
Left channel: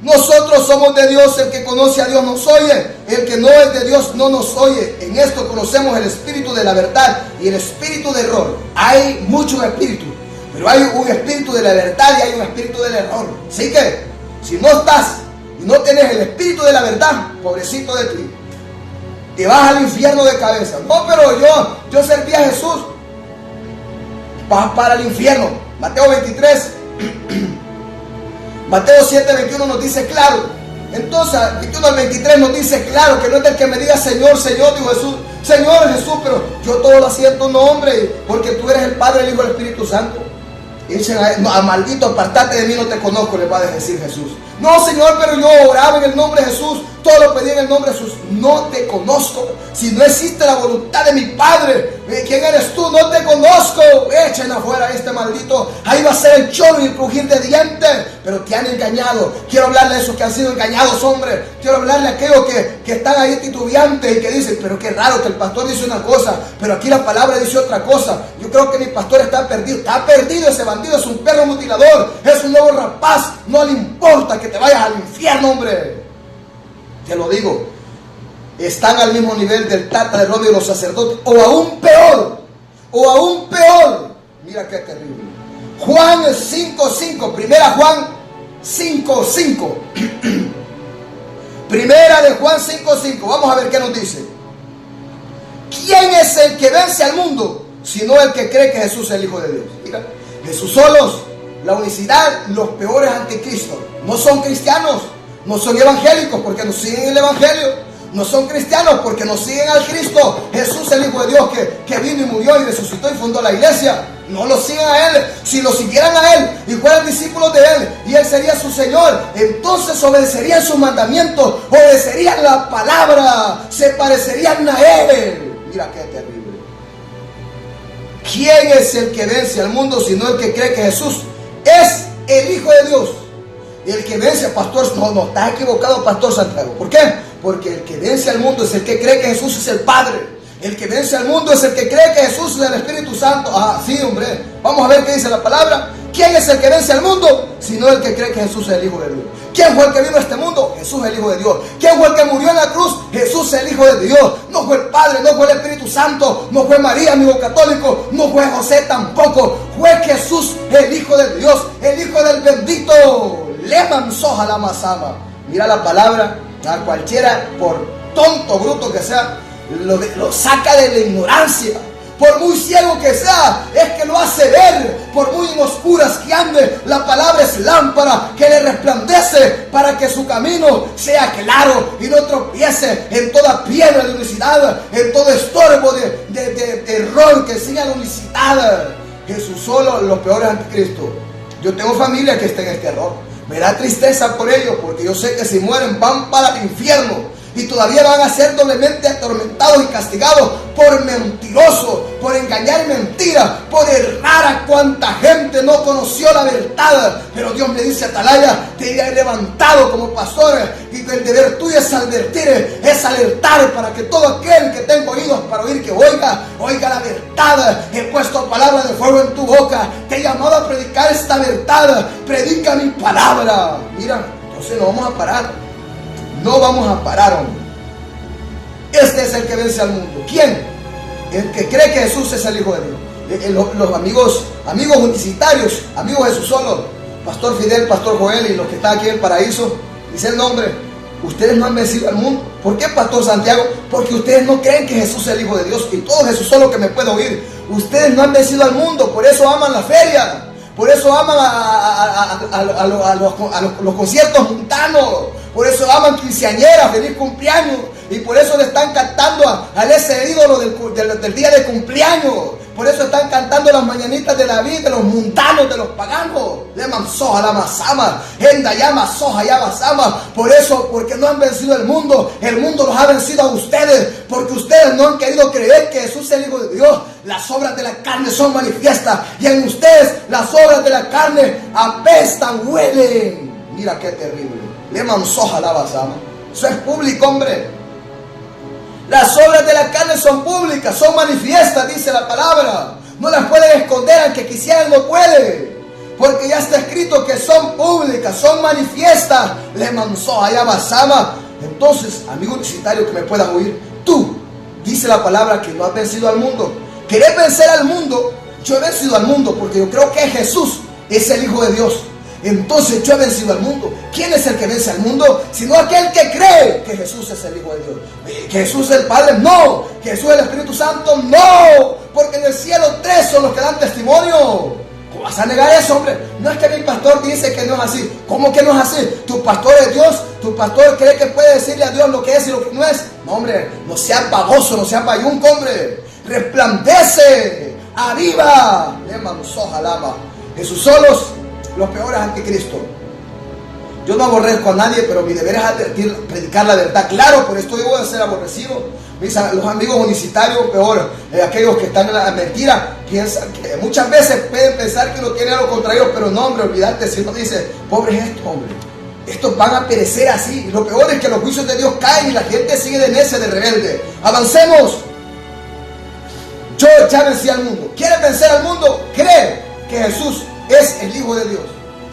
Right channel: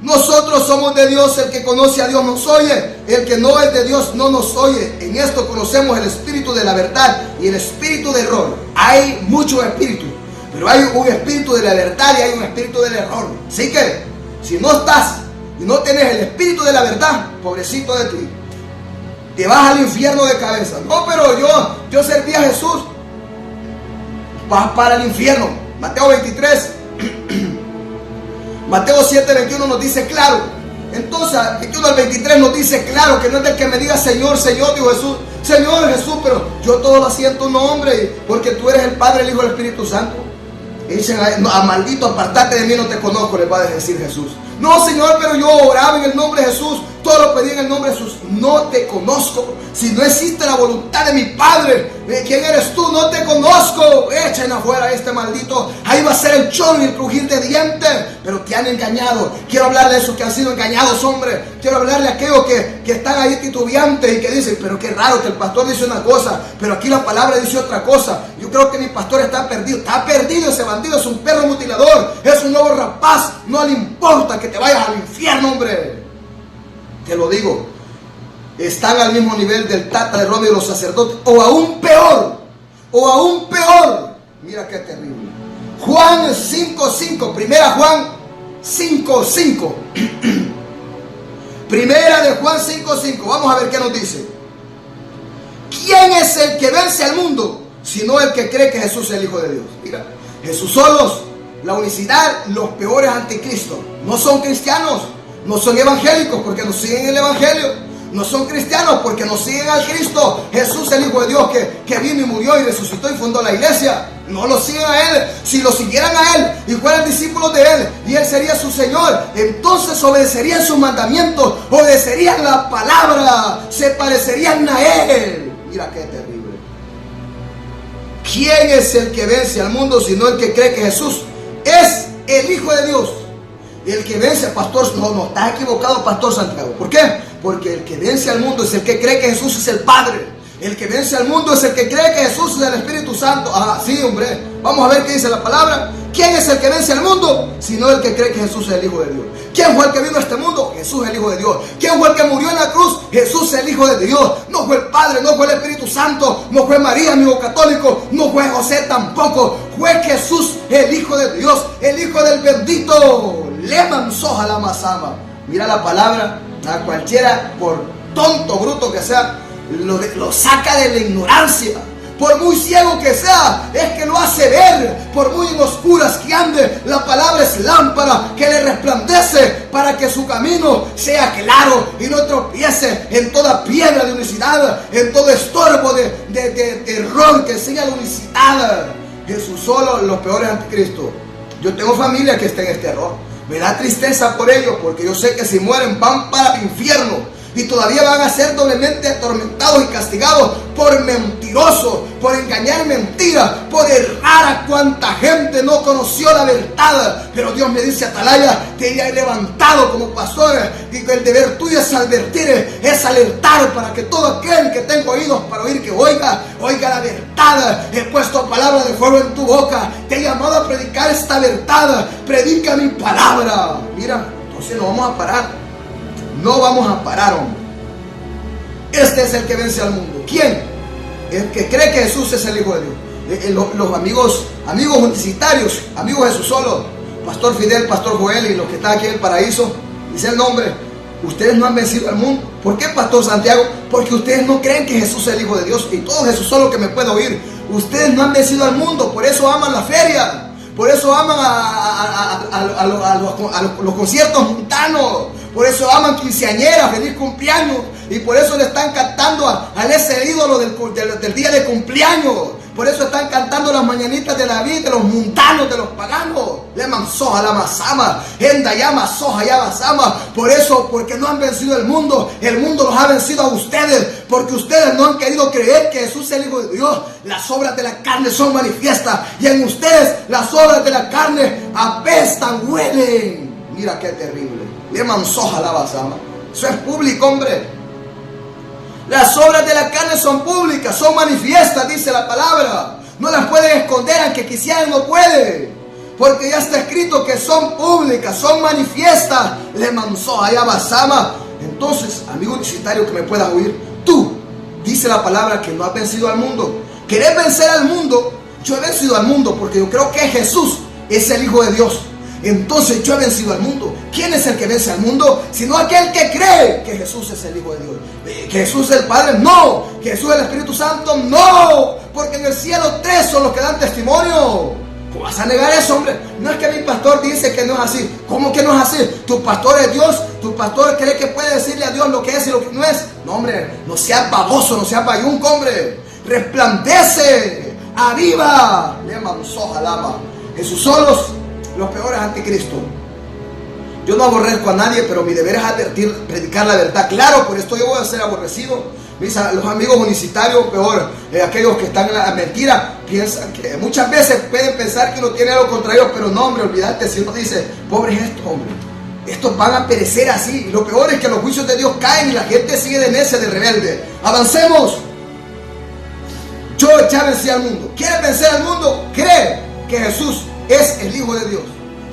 nosotros somos de Dios, el que conoce a Dios nos oye, el que no es de Dios no nos oye. En esto conocemos el espíritu de la verdad y el espíritu de error. Hay muchos espíritus, pero hay un espíritu de la verdad y hay un espíritu del error. Así que, si no estás y no tienes el espíritu de la verdad, pobrecito de ti, te vas al infierno de cabeza. No, pero yo serví a Jesús. Vas para el infierno. Mateo 23. Mateo 7:21 nos dice claro. Entonces, 21 al 23 nos dice claro que no es del que me diga Señor, Señor, dijo Jesús. Señor Jesús, pero yo todo lo hacía en tu nombre, porque tú eres el Padre, el Hijo y el Espíritu Santo. Y dicen: a maldito, apartate de mí, no te conozco, le va a decir Jesús. No, Señor, pero yo oraba en el nombre de Jesús, todo lo pedí en el nombre de Jesús. No te conozco. Si no existe la voluntad de mi Padre, ¿quién eres tú? No te conozco. Echen afuera a este maldito. Ahí va a ser el chón y el crujir de dientes. Pero te han engañado. Quiero hablarle a esos que han sido engañados, hombre. Quiero hablarle a aquellos que están ahí titubeantes y que dicen: pero qué raro que el pastor dice una cosa, pero aquí la palabra dice otra cosa. Yo creo que mi pastor está perdido. Está perdido ese bandido, es un perro mutilador, es un nuevo rapaz. No le importa que te vayas al infierno, hombre. Te lo digo, están al mismo nivel del Tata de Roma y los sacerdotes, o aún peor, mira qué terrible. Juan 5:5, primera Juan 5:5, primera de Juan 5:5, vamos a ver qué nos dice. ¿Quién es el que vence al mundo, sino el que cree que Jesús es el Hijo de Dios? Mira, Jesús solos, la unicidad, los peores anticristos, no son cristianos. No son evangélicos porque no siguen el evangelio. No son cristianos porque no siguen al Cristo Jesús, el Hijo de Dios, que vino y murió y resucitó y fundó la iglesia. No lo siguen a Él. Si lo siguieran a Él y fueran discípulos de Él y Él sería su Señor, entonces obedecerían sus mandamientos, obedecerían la palabra, se parecerían a Él. Mira qué terrible. ¿Quién es el que vence al mundo sino el que cree que Jesús es el Hijo de Dios? Y el que vence, pastor, no, está equivocado, pastor Santiago. ¿Por qué? Porque el que vence al mundo es el que cree que Jesús es el Padre. El que vence al mundo es el que cree que Jesús es el Espíritu Santo. Ah, sí, hombre. Vamos a ver qué dice la palabra. ¿Quién es el que vence al mundo? Sino el que cree que Jesús es el Hijo de Dios. ¿Quién fue el que vino a este mundo? Jesús es el Hijo de Dios. ¿Quién fue el que murió en la cruz? Jesús es el Hijo de Dios. No fue el Padre, no fue el Espíritu Santo, no fue María, amigo católico, no fue José tampoco. Fue Jesús, el Hijo de Dios, el Hijo del bendito. Le mansoja la masama. Mira la palabra, a cualquiera, por tonto, bruto que sea, lo saca de la ignorancia. Por muy ciego que sea, es que lo hace ver. Por muy en oscuras que ande, la palabra es lámpara que le resplandece para que su camino sea claro y no tropiece en toda piedra de unicidad, en todo estorbo de error que enseña la unicidad. Jesús solo, los peores anticristos. Yo tengo familia que está en este error. Me da tristeza por ellos, porque yo sé que si mueren van para el infierno. Y todavía van a ser doblemente atormentados y castigados por mentirosos, por engañar mentiras, por errar a cuanta gente no conoció la verdad. Pero Dios me dice: Atalaya, te he levantado como pastor, y el deber tuyo es advertir, es alertar, para que todo aquel que tenga oídos para oír, que oiga la verdad. He puesto palabra de fuego en tu boca, te he llamado a predicar esta verdad. Predica mi palabra. Mira, entonces no vamos a parar. No vamos a parar, hombre. Este es el que vence al mundo. ¿Quién? El que cree que Jesús es el Hijo de Dios. Los amigos universitarios, amigos Jesús solo, Pastor Fidel, Pastor Joel y los que están aquí en el paraíso, dicen: no, hombre, ustedes no han vencido al mundo. ¿Por qué, Pastor Santiago? Porque ustedes no creen que Jesús es el Hijo de Dios. Y todo Jesús solo que me puede oír, ustedes no han vencido al mundo. Por eso aman la feria, por eso aman a los conciertos mundanos, por eso aman quinceañeras, feliz cumpleaños, y por eso le están cantando a ese ídolo del día de cumpleaños. Por eso están cantando las mañanitas de David, de los mundanos, de los paganos. Leman soja la masama, enda llama soja ya basama. Por eso, porque no han vencido el mundo los ha vencido a ustedes, porque ustedes no han querido creer que Jesús es el Hijo de Dios. Las obras de la carne son manifiestas, y en ustedes las obras de la carne apestan, huelen. Mira qué terrible. Leman soja la basama. Eso es público, hombre. Las obras de la carne son públicas, son manifiestas, dice la palabra. No las pueden esconder, aunque quisieran, no pueden. Porque ya está escrito que son públicas, son manifiestas. Le manzó allá basama. Entonces, amigo universitario que me puedas oír, tú, dice la palabra que no has vencido al mundo. ¿Querés vencer al mundo? Yo he vencido al mundo porque yo creo que Jesús es el Hijo de Dios. Entonces yo he vencido al mundo. ¿Quién es el que vence al mundo? Sino aquel que cree que Jesús es el Hijo de Dios. ¿Que Jesús es el Padre? No. ¿Que Jesús es el Espíritu Santo? No. Porque en el cielo 3 son los que dan testimonio. ¿Cómo vas a negar eso, hombre? No es que mi pastor dice que no es así. ¿Cómo que no es así? Tu pastor es Dios. Tu pastor cree que puede decirle a Dios lo que es y lo que no es. No, hombre, no seas baboso, no seas bayunco, hombre. Resplandece. Arriba. Leman soja lama. Jesús solos. Los peores anticristos. Yo no aborrezco a nadie, pero mi deber es advertir, predicar la verdad. Claro, por esto debo de ser aborrecido. Los amigos universitarios, peor, aquellos que están en la mentira, piensan que muchas veces pueden pensar que uno tiene algo contra ellos, pero no, hombre, olvídate si uno dice, pobres estos, hombre, estos van a perecer así. Y lo peor es que los juicios de Dios caen y la gente sigue de necia, de rebelde. Avancemos. Yo ya vencí al mundo. ¿Quieres vencer al mundo? Cree que Jesús es el Hijo de Dios.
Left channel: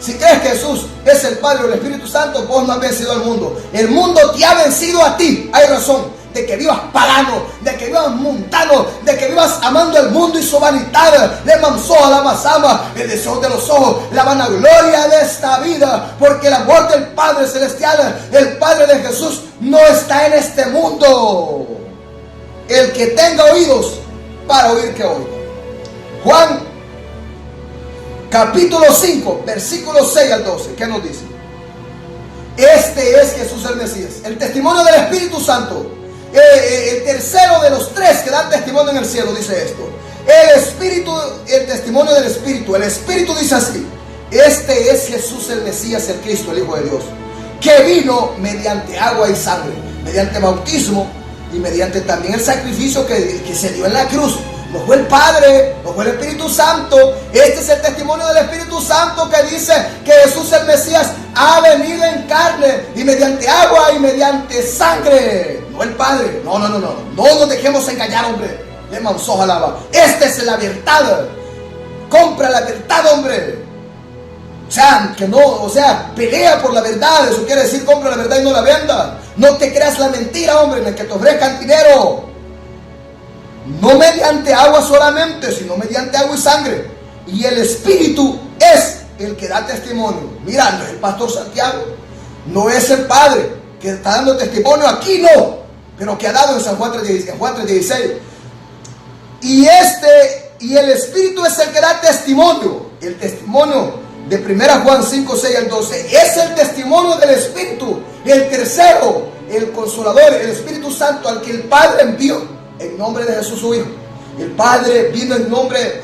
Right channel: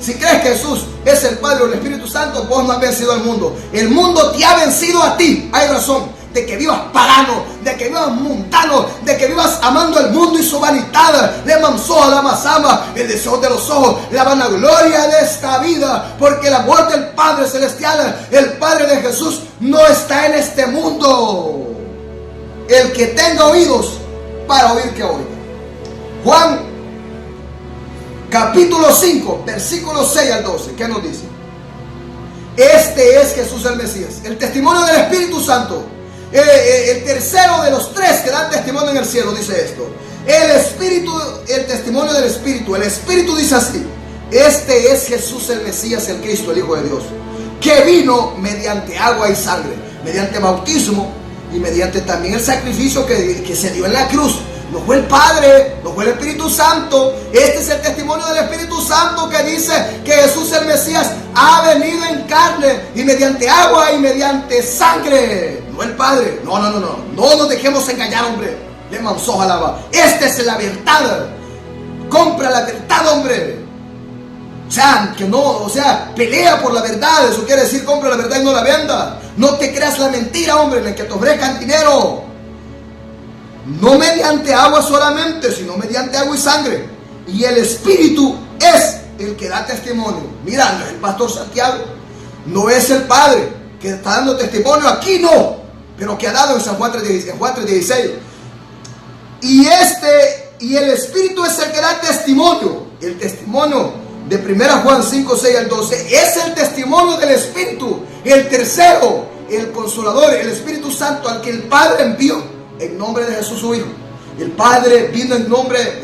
Si crees que Jesús es el Padre o el Espíritu Santo, vos no has vencido al mundo. El mundo te ha vencido a ti. Hay razón de que vivas pagano, de que vivas mundano, de que vivas amando el mundo y su vanidad. Le manzó a la masama, el deseo de los ojos, la vanagloria de esta vida. Porque el amor del Padre Celestial, el Padre de Jesús, no está en este mundo. El que tenga oídos para oír, que oiga. Juan capítulo 5, versículos 6 al 12, ¿qué nos dice? Este es Jesús el Mesías, el testimonio del Espíritu Santo, el tercero de los 3 que dan testimonio en el cielo, dice esto. El Espíritu, el testimonio del Espíritu, el Espíritu dice así: este es Jesús el Mesías, el Cristo, el Hijo de Dios, que vino mediante agua y sangre, mediante bautismo y mediante también el sacrificio que se dio en la cruz. No fue el Padre, no fue el Espíritu Santo. Este es el testimonio del Espíritu Santo que dice que Jesús el Mesías ha venido en carne y mediante agua y mediante sangre. No el Padre. No nos dejemos engañar, hombre. Le manzó alaba. Esta es la verdad. Compra la verdad, hombre. Pelea por la verdad. Eso quiere decir compra la verdad y no la venda. No te creas la mentira, hombre, en el que te ofrezcan dinero. No mediante agua solamente, sino mediante agua y sangre. Y el Espíritu es el que da testimonio. Mira, no es el pastor Santiago, no es el Padre que está dando testimonio aquí, no, pero que ha dado en San Juan 3:16. Y el Espíritu es el que da testimonio. El testimonio de 1 Juan 5, 6 al 12 es el testimonio del Espíritu. El tercero, el Consolador, el Espíritu Santo, al que el Padre envió en nombre de Jesús su Hijo. El Padre vino en nombre,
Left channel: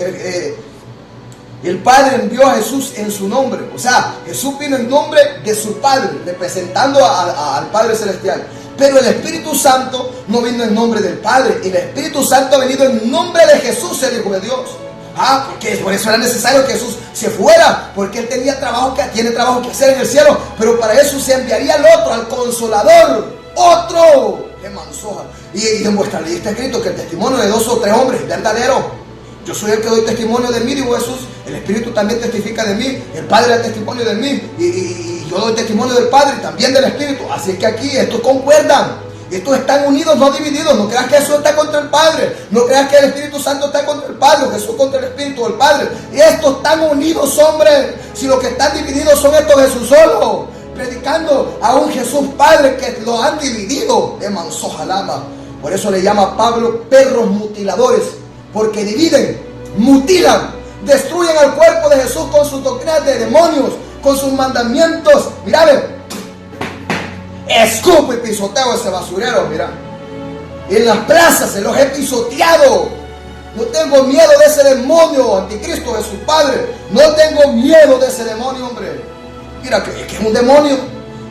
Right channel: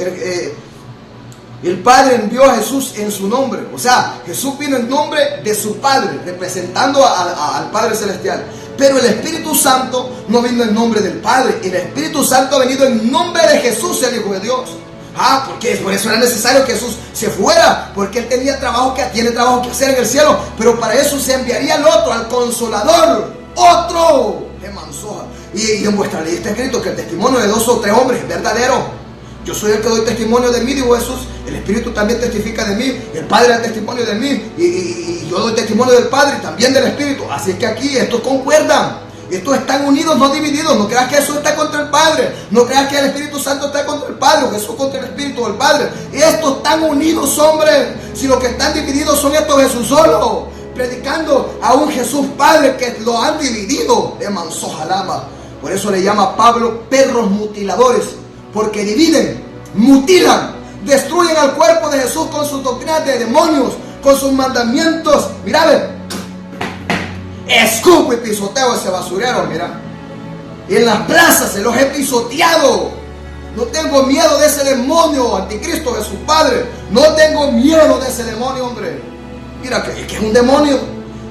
el Padre envió a Jesús en su nombre. O sea, Jesús vino en nombre de su Padre, representando al Padre Celestial. Pero el Espíritu Santo no vino en nombre del Padre. El Espíritu Santo ha venido en nombre de Jesús, el Hijo de Dios. Porque por eso era necesario que Jesús se fuera, porque Él tiene trabajo que hacer en el cielo. Pero para eso se enviaría al otro, al Consolador, otro. ¡Qué mansoja! Y en vuestra ley está escrito que el testimonio de 2 o 3 hombres es verdadero. Yo soy el que doy testimonio de mí, dijo Jesús. El Espíritu también testifica de mí. El Padre da testimonio de mí. Y yo doy testimonio del Padre y también del Espíritu. Así es que aquí estos concuerdan. Estos están unidos, no divididos. No creas que Jesús está contra el Padre. No creas que el Espíritu Santo está contra el Padre. O Jesús contra el Espíritu del Padre. Estos están unidos, hombre. Si los que están divididos son estos, Jesús solo, predicando a un Jesús Padre que lo han dividido. De mansoja lama. Por eso le llama Pablo perros mutiladores, porque dividen, mutilan, destruyen al cuerpo de Jesús con sus doctrinas de demonios, con sus mandamientos. Mira, escupo y pisoteo ese basurero, mira. En las plazas se los he pisoteado. No tengo miedo de ese demonio, anticristo de su padre. No tengo miedo de ese demonio, hombre. Mira que es un demonio.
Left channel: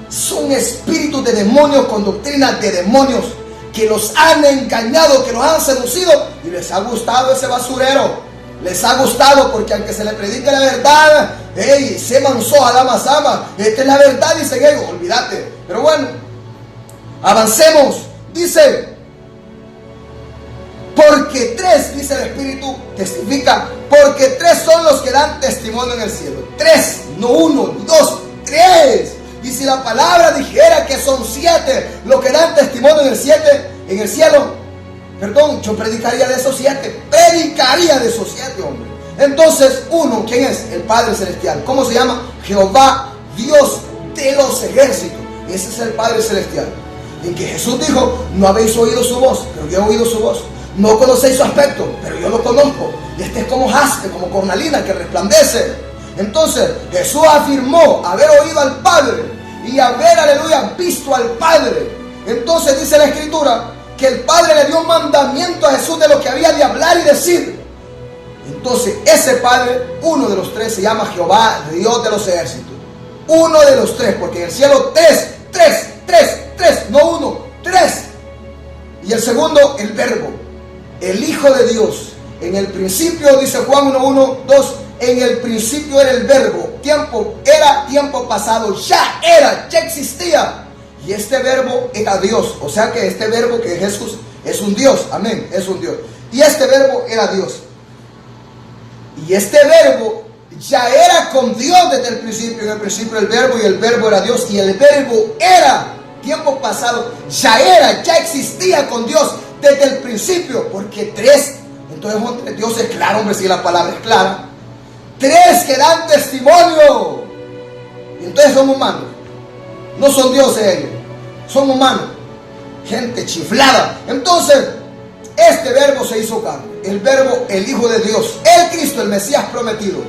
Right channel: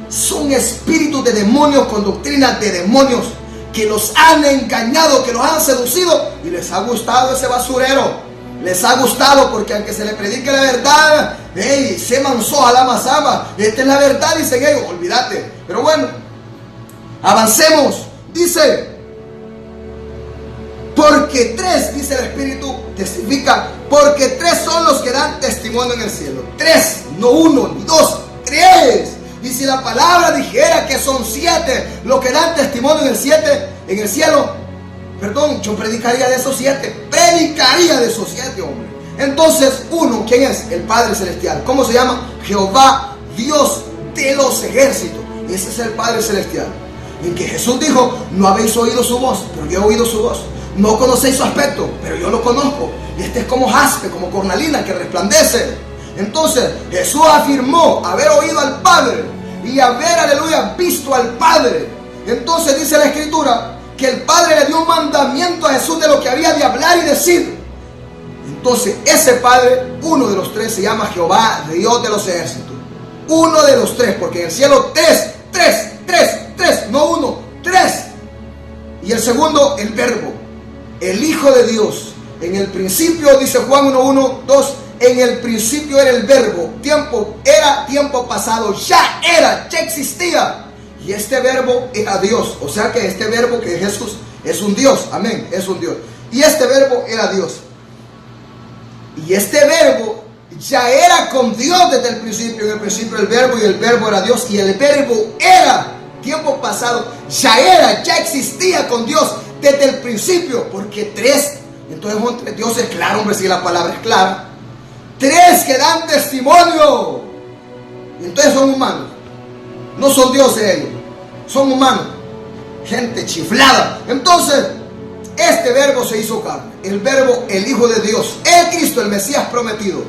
Son espíritus de demonios con doctrinas de demonios que los han engañado, que los han seducido y les ha gustado ese basurero. Les ha gustado porque aunque se le predique la verdad, hey, se manzó a la masama. Esta es la verdad, dicen ellos, olvídate. Pero bueno, avancemos. Dice, porque tres, dice el Espíritu, testifica, porque tres son los que dan testimonio en el cielo. Tres, no uno, ni dos, tres. Y si la palabra dijera que son siete los que dan testimonio en el cielo, perdón, yo predicaría de esos siete. Predicaría de esos siete, hombre. Entonces, uno, ¿quién es? El Padre Celestial. ¿Cómo se llama? Jehová, Dios de los ejércitos. Ese es el Padre Celestial. En que Jesús dijo, no habéis oído su voz, pero yo he oído su voz. No conocéis su aspecto, pero yo lo conozco. Y este es como jaspe, como cornalina que resplandece. Entonces, Jesús afirmó haber oído al Padre y haber, aleluya, visto al Padre. Entonces dice la Escritura que el Padre le dio un mandamiento a Jesús de lo que había de hablar y decir. Entonces ese Padre, uno de los tres, se llama Jehová, Dios de los ejércitos. Uno de los tres, porque en el cielo tres, no uno, tres. Y el segundo, el Verbo, el Hijo de Dios. En el principio, dice Juan 1:1, 2, en el principio era el Verbo, era tiempo pasado, ya existía. Y este verbo era Dios. O sea que este verbo que es Jesús es un Dios. Amén, es un Dios. Y este verbo era Dios. Y este verbo ya era con Dios desde el principio. En el principio el verbo, y el verbo era Dios. Y el verbo era, tiempo pasado, ya existía con Dios desde el principio. Porque tres, entonces Dios es claro, hombre, si la palabra es clara. Tres que dan testimonio. Y entonces son humanos. No son dioses ellos, son humanos, gente chiflada. Entonces, este verbo se hizo carne, el verbo, el Hijo de Dios, el Cristo, el Mesías prometido.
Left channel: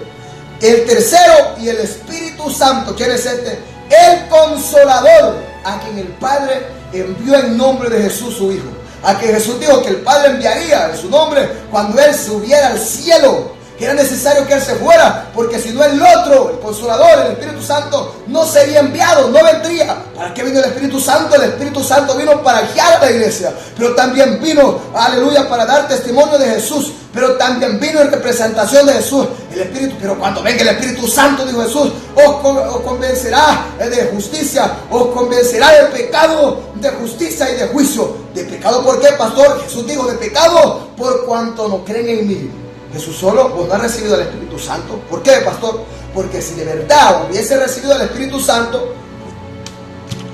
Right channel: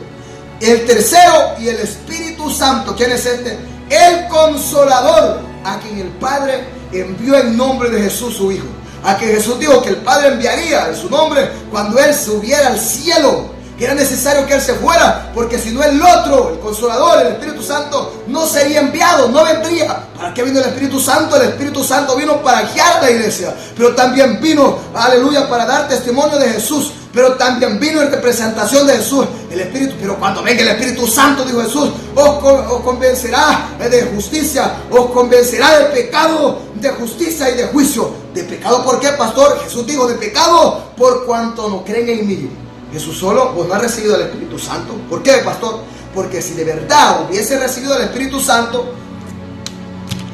El tercero, y el Espíritu Santo. ¿Quién es este? El Consolador, a quien el Padre envió en nombre de Jesús su Hijo. A quien Jesús dijo que el Padre enviaría en su nombre cuando Él subiera al cielo. Que era necesario que Él se fuera, porque si no el otro, el Consolador, el Espíritu Santo, no sería enviado, no vendría. ¿Para qué vino el Espíritu Santo? El Espíritu Santo vino para guiar a la iglesia, pero también vino, aleluya, para dar testimonio de Jesús, pero también vino en representación de Jesús, el Espíritu. Pero cuando venga el Espíritu Santo, dijo Jesús, os convencerá de justicia, os convencerá de pecado, de justicia y de juicio. ¿De pecado por qué, pastor? Jesús dijo, de pecado por cuanto no creen en mí. Jesús solo, vos no has recibido el Espíritu Santo. ¿Por qué, pastor? Porque si de verdad hubiese recibido el Espíritu Santo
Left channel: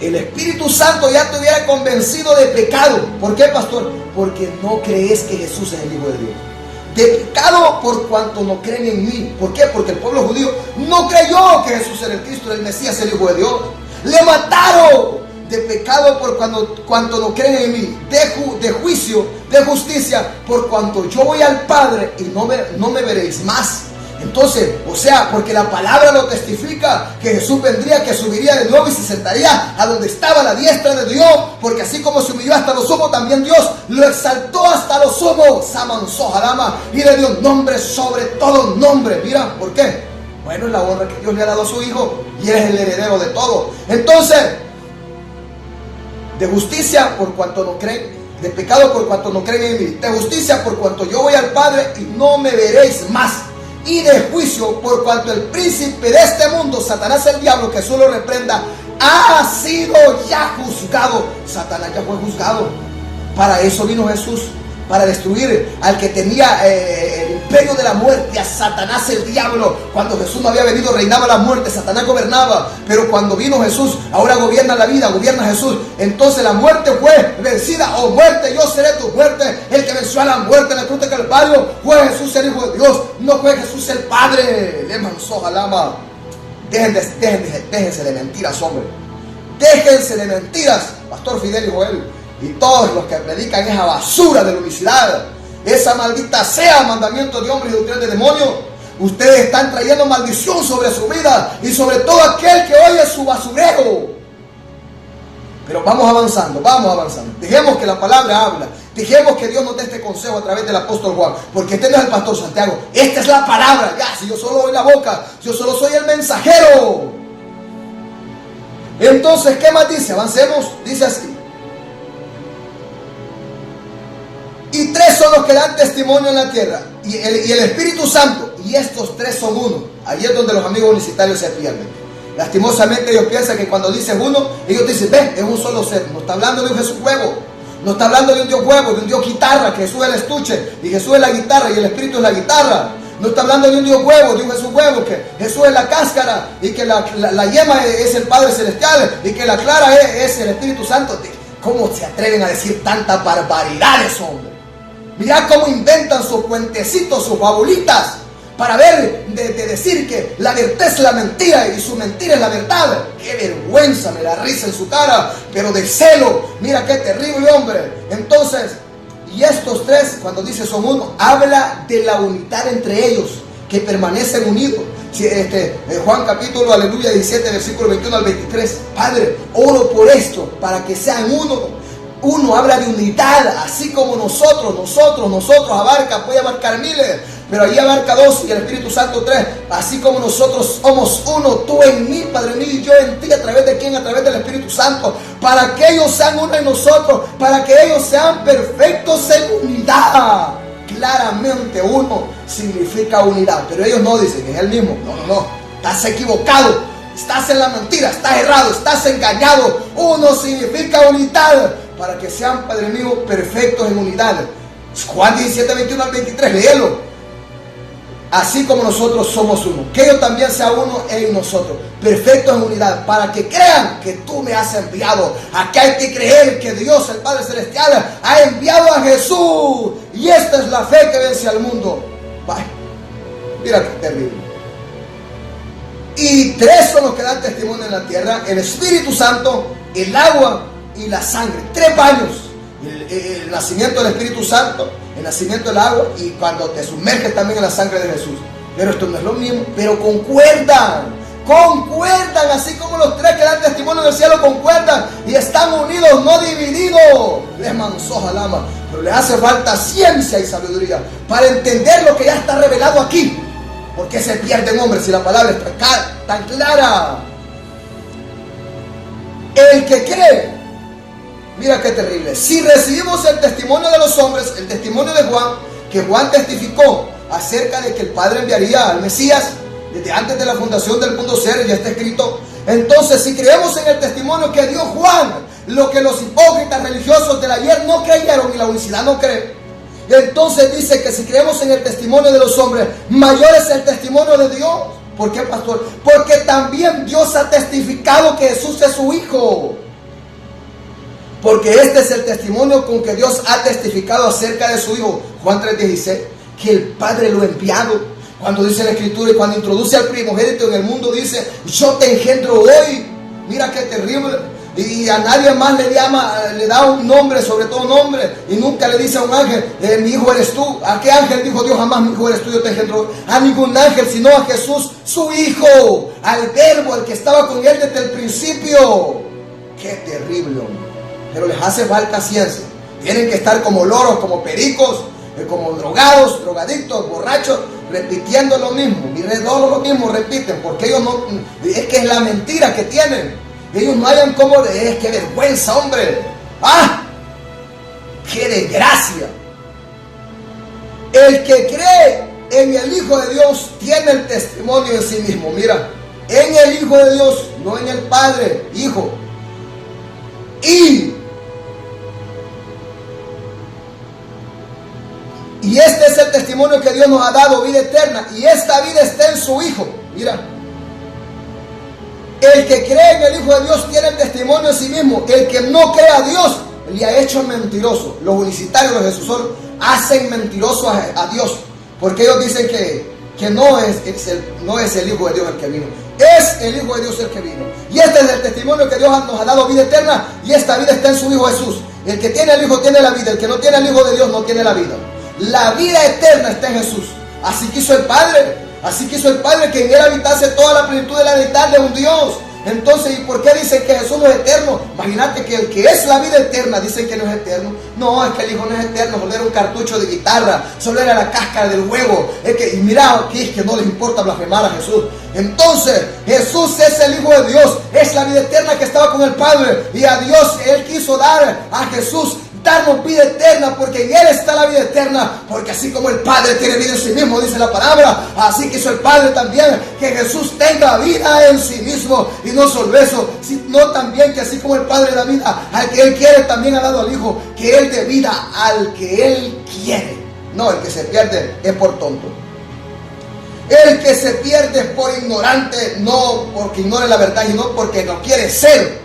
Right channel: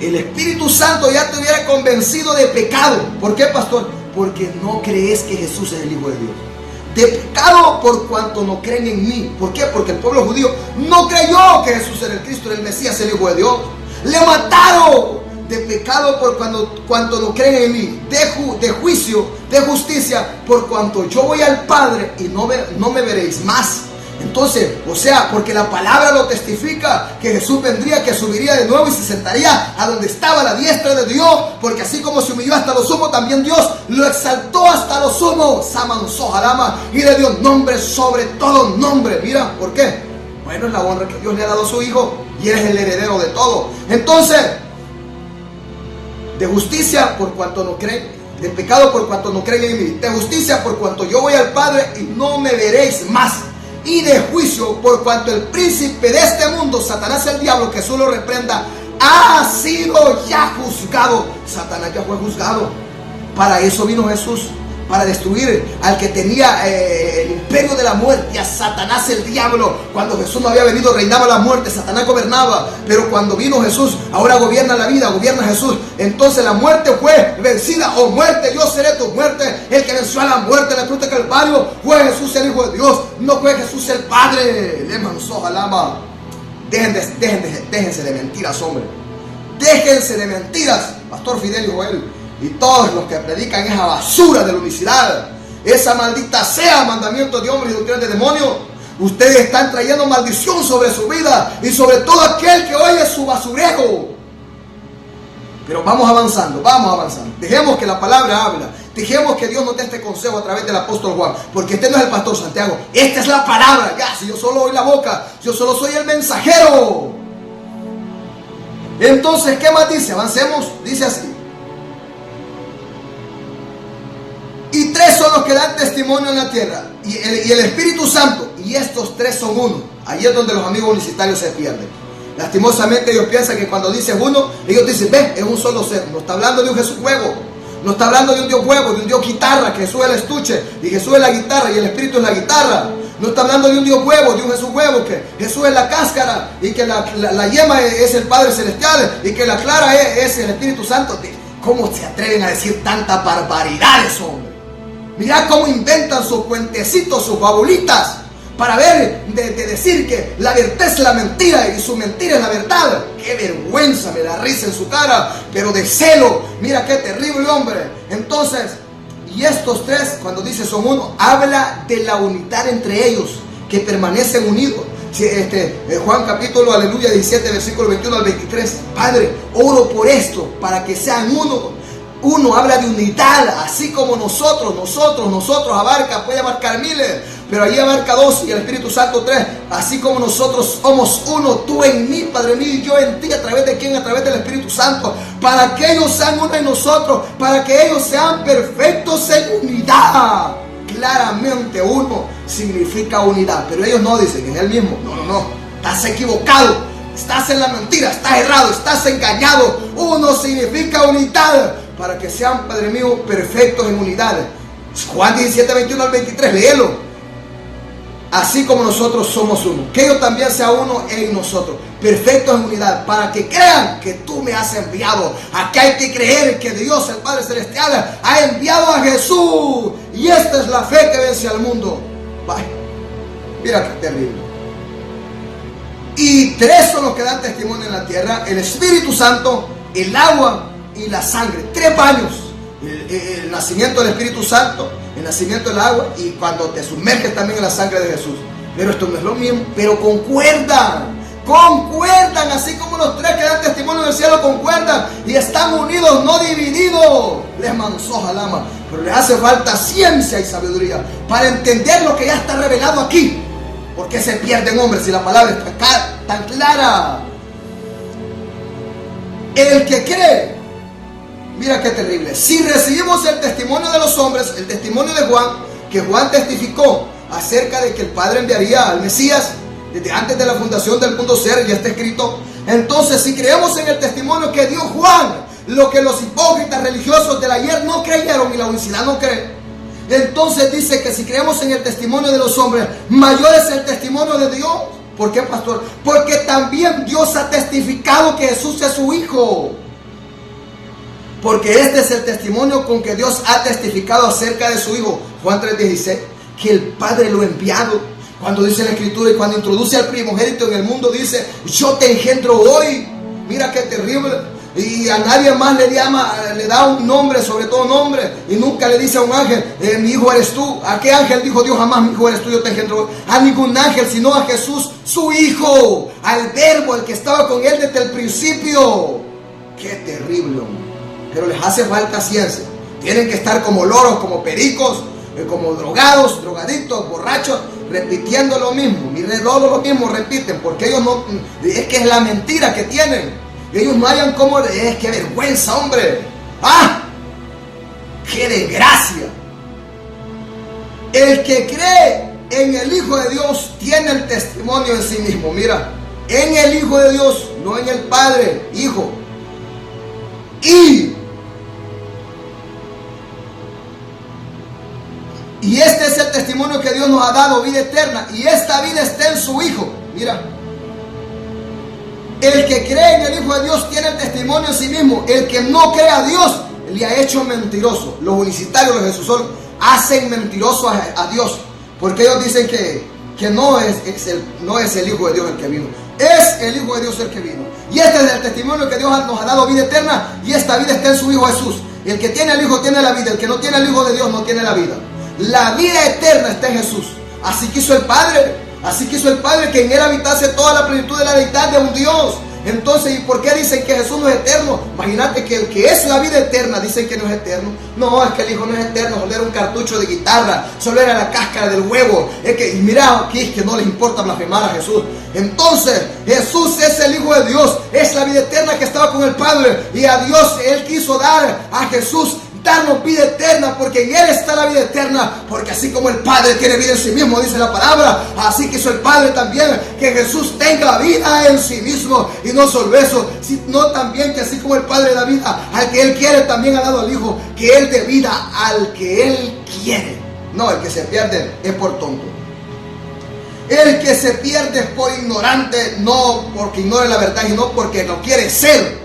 ya te hubiera convencido de pecado. ¿Por qué, pastor? Porque no crees que Jesús es el Hijo de Dios. De pecado por cuanto no creen en mí. ¿Por qué? Porque el pueblo judío no creyó que Jesús era el Cristo, era el Mesías, el Hijo de Dios. Le mataron. De pecado por cuanto no creen en mí, de juicio, de justicia, por cuanto yo voy al Padre y no me veréis más. Entonces, o sea, porque la palabra lo testifica, que Jesús vendría, que subiría de nuevo y se sentaría a donde estaba la diestra de Dios, porque así como se humilló hasta lo sumo, también Dios lo exaltó hasta lo sumo, Samanzó Harama, y le dio nombre sobre todo nombre. Mira, ¿por qué? Bueno, es la honra que Dios le ha dado a su Hijo y Él es el heredero de todo. Entonces, de justicia por cuanto no creen, de pecado por cuanto no creen en mí, de justicia por cuanto yo voy al Padre y no me veréis más, y de juicio por cuanto el príncipe de este mundo, Satanás el diablo, que Jesús lo reprenda, ha sido ya juzgado. Satanás ya fue juzgado. Para eso vino Jesús, para destruir al que tenía el imperio de la muerte, a Satanás el diablo. Cuando Jesús no había venido, reinaba la muerte, Satanás gobernaba, pero cuando vino Jesús, ahora gobierna la vida, gobierna Jesús. Entonces la muerte fue vencida. Oh muerte, yo seré tu muerte. El que venció a la muerte en la cruz de Calvario fue Jesús, el Hijo de Dios, no fue Jesús el Padre. Le manzó alama. Déjense de mentiras, hombre. Déjense de mentiras, Pastor Fidel y Joel, y todos los que predican esa basura de la unicidad, esa maldita sea mandamiento de hombres y doctrina de demonios. Ustedes están trayendo maldición sobre su vida y sobre todo aquel que oye su basurero. Pero vamos avanzando. Dejemos que la palabra habla. Dejemos que Dios nos dé este consejo a través del apóstol Juan, porque este no es el pastor Santiago, esta es la palabra. Ya, si yo solo doy la boca, yo solo soy el mensajero. Entonces, ¿qué más dice? Avancemos, dice así. Y tres son los que dan testimonio en la tierra, y el Espíritu Santo, y estos tres son uno. Ahí es donde los amigos universitarios se pierden. Lastimosamente ellos piensan que cuando dicen uno, ellos dicen, ven, es un solo ser. No está hablando de un Jesús huevo, no está hablando de un Dios huevo, de un Dios guitarra, que Jesús es el estuche, y Jesús es la guitarra, y el Espíritu es la guitarra. No está hablando de un Dios huevo, de un Jesús huevo, que Jesús es la cáscara, y que la yema es el Padre Celestial, y que la clara es el Espíritu Santo. ¿Cómo se atreven a decir tantas barbaridades, hombre? Mirá cómo inventan sus cuentecitos, sus fabulitas, para ver, de decir que la verdad es la mentira y su mentira es la verdad. Qué vergüenza, me da risa en su cara, pero de celo. Mira qué terrible, hombre. Entonces, y estos tres, cuando dice son uno, habla de la unidad entre ellos, que permanecen unidos. Juan capítulo, aleluya, 17, versículo 21 al 23. Padre, oro por esto, para que sean uno. Uno habla de unidad, así como nosotros abarca, puede abarcar miles, pero ahí abarca dos y el Espíritu Santo tres. Así como nosotros somos uno, tú en mí, Padre mío, y yo en ti. ¿A través de quién? A través del Espíritu Santo, para que ellos sean uno en nosotros, para que ellos sean perfectos en unidad. Claramente uno significa unidad, pero ellos no dicen que es el mismo. No, estás equivocado, estás en la mentira, estás errado, estás engañado. Uno significa unidad, para que sean, Padre mío, perfectos en unidad. Juan 17, 21 al 23, léelo. Así como nosotros somos uno, que ellos también sean uno en nosotros, perfectos en unidad, para que crean que tú me has enviado. Aquí hay que creer que Dios, el Padre Celestial, ha enviado a Jesús, y esta es la fe que vence al mundo. Vaya, mira qué terrible. Y tres son los que dan testimonio en la tierra: el Espíritu Santo, el agua y la sangre. Tres baños: el nacimiento del Espíritu Santo, el nacimiento del agua, y cuando te sumerges también en la sangre de Jesús. Pero esto no es lo mismo, pero concuerdan, así como los tres que dan testimonio en el cielo concuerdan y están unidos, no divididos. Les mansoja lama, pero les hace falta ciencia y sabiduría para entender lo que ya está revelado aquí. ¿Por qué se pierden, hombres, si la palabra es tan clara? El que cree, mira qué terrible. Si recibimos el testimonio de los hombres, el testimonio de Juan, que Juan testificó acerca de que el Padre enviaría al Mesías desde antes de la fundación del mundo ser, ya está escrito. Entonces, si creemos en el testimonio que dio Juan, lo que los hipócritas religiosos del ayer no creyeron y la unicidad no cree, entonces dice que si creemos en el testimonio de los hombres, mayor es el testimonio de Dios. ¿Por qué, pastor? Porque también Dios ha testificado que Jesús es su Hijo. Porque este es el testimonio con que Dios ha testificado acerca de su Hijo. Juan 3:16, que el Padre lo ha enviado. Cuando dice la Escritura y cuando introduce al primogénito en el mundo, dice: yo te engendro hoy. Mira qué terrible. Y a nadie más le da un nombre, sobre todo nombre, y nunca le dice a un ángel: mi hijo eres tú. ¿A qué ángel dijo Dios jamás: mi hijo eres tú, yo te engendro hoy? A ningún ángel, sino a Jesús, su Hijo, al Verbo, el que estaba con él desde el principio. Qué terrible, hombre. Pero les hace falta ciencia. Tienen que estar como loros, como pericos, como drogados, drogadictos, borrachos, repitiendo lo mismo. Miren, lo mismo repiten, porque ellos no, es que es la mentira que tienen. Ellos no hayan como, qué vergüenza, hombre. ¡Ah! ¡Qué desgracia! El que cree en el Hijo de Dios tiene el testimonio en sí mismo. Mira, en el Hijo de Dios, no en el Padre, Hijo. Y este es el testimonio que Dios nos ha dado, vida eterna, y esta vida está en su Hijo. Mira, el que cree en el Hijo de Dios tiene el testimonio en sí mismo. El que no cree a Dios le ha hecho mentiroso. Los unicitarios de Jesús hacen mentiroso a Dios, porque ellos dicen que no es el Hijo de Dios el que vino, es el Hijo de Dios el que vino. Y este es el testimonio que Dios nos ha dado, vida eterna, y esta vida está en su Hijo Jesús. El que tiene al Hijo tiene la vida, el que no tiene al Hijo de Dios no tiene la vida. La vida eterna está en Jesús. Así quiso el Padre que en él habitase toda la plenitud de la deidad de un Dios. Entonces, ¿y por qué dicen que Jesús no es eterno? Imagínate que el que es la vida eterna dicen que no es eterno. No, es que el Hijo no es eterno, solo era un cartucho de guitarra, solo era la cáscara del huevo. Es que, y mira, aquí es que no les importa blasfemar a Jesús. Entonces, Jesús es el Hijo de Dios, es la vida eterna que estaba con el Padre. Y a Dios Él quiso dar a Jesús, darnos vida eterna, porque en Él está la vida eterna, porque así como el Padre tiene vida en sí mismo, dice la palabra, así quiso el Padre también que Jesús tenga vida en sí mismo. Y no solo eso, sino también que así como el Padre da vida al que Él quiere, también ha dado al Hijo que Él dé vida al que Él quiere. No, el que se pierde es por tonto. El que se pierde es por ignorante, no porque ignore la verdad, sino porque no quiere ser.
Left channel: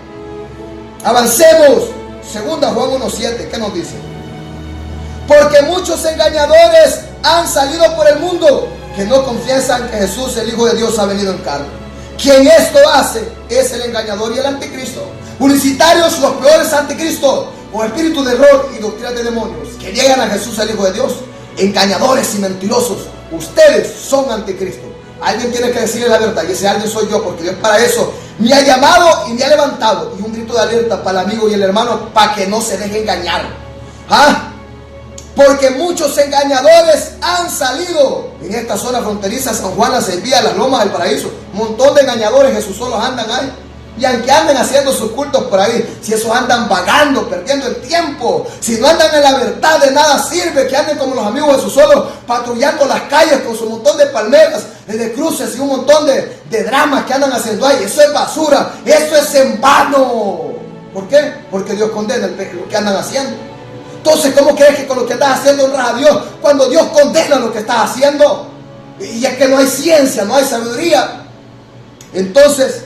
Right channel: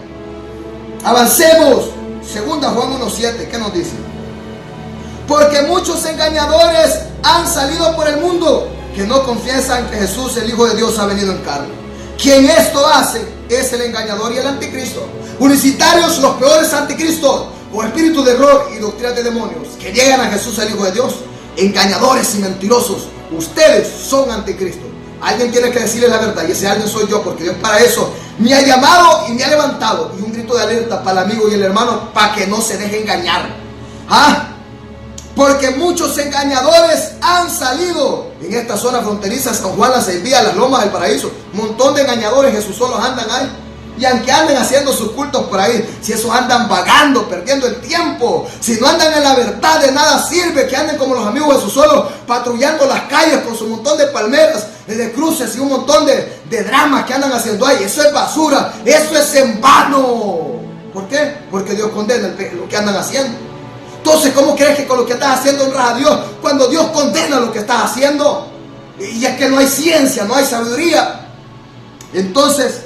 Avancemos. Segunda Juan 1:7, ¿qué nos dice? Porque muchos engañadores han salido por el mundo que no confiesan que Jesús, el Hijo de Dios, ha venido en carne. Quien esto hace es el engañador y el anticristo. Publicitarios, los peores anticristos, o espíritus de error y doctrinas de demonios, que llegan a Jesús, el Hijo de Dios. Engañadores y mentirosos, ustedes son anticristo. Alguien tiene que decirle la verdad, y ese alguien soy yo, porque Dios para eso me ha llamado y me ha levantado. Y un grito de alerta para el amigo y el hermano, para que no se deje engañar. Porque muchos engañadores han salido en esta zona fronteriza, San Juan, Las Envías, Las Lomas del Paraíso. Un montón de engañadores, Jesús solos andan ahí. Y aunque anden haciendo sus cultos por ahí, si esos andan vagando, perdiendo el tiempo, si no andan en la verdad, de nada sirve que anden como los amigos de Jesús solos, patrullando las calles con su montón de palmeras, de cruces y un montón de dramas que andan haciendo ahí. Eso es basura, eso es en vano. ¿Por qué? Porque Dios condena lo que andan haciendo. Entonces, ¿cómo crees que con lo que estás haciendo honras a Dios cuando Dios condena lo que estás haciendo? Y es que no hay ciencia, no hay sabiduría. Entonces,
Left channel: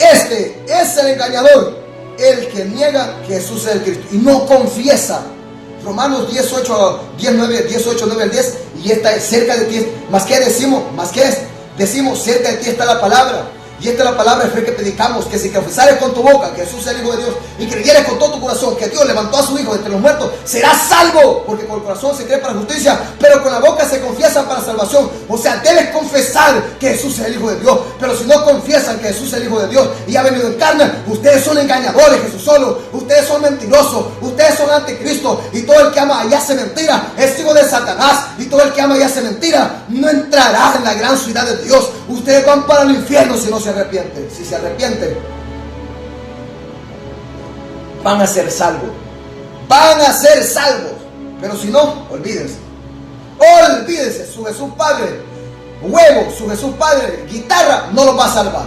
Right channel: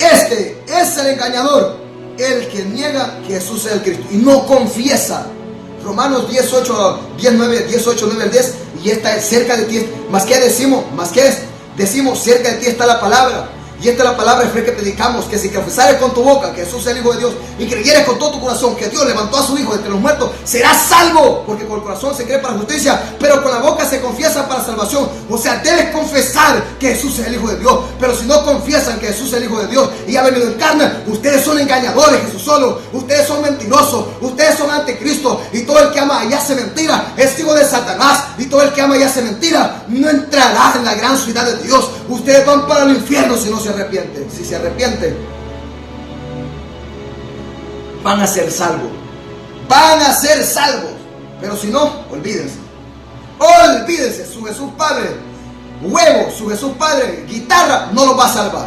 este es el engañador, el que niega que Jesús es el Cristo y no confiesa. Romanos 18, 9 al 10, y esta es cerca de ti. Más que decimos, cerca de ti está la palabra. Y esta es la palabra de fe que predicamos, que si confesares con tu boca que Jesús es el Hijo de Dios y creyeres con todo tu corazón que Dios levantó a su Hijo de entre los muertos, serás salvo. Porque con el corazón se cree para justicia, pero con la boca se confiesa para salvación. O sea, debes confesar que Jesús es el Hijo de Dios. Pero si no confiesan que Jesús es el Hijo de Dios y ha venido en carne, ustedes son engañadores, Jesús solo. Ustedes son mentirosos, ustedes son anticristo. Y todo el que ama y hace mentira es hijo de Satanás. Y todo el que ama y hace mentira no entrará en la gran ciudad de Dios. Ustedes van para el infierno si no se arrepienten. Si se arrepienten, van a ser salvos. Van a ser salvos. Pero si no, olvídense. Olvídense. Su Jesús Padre, huevo, su Jesús Padre, guitarra, no los va a salvar.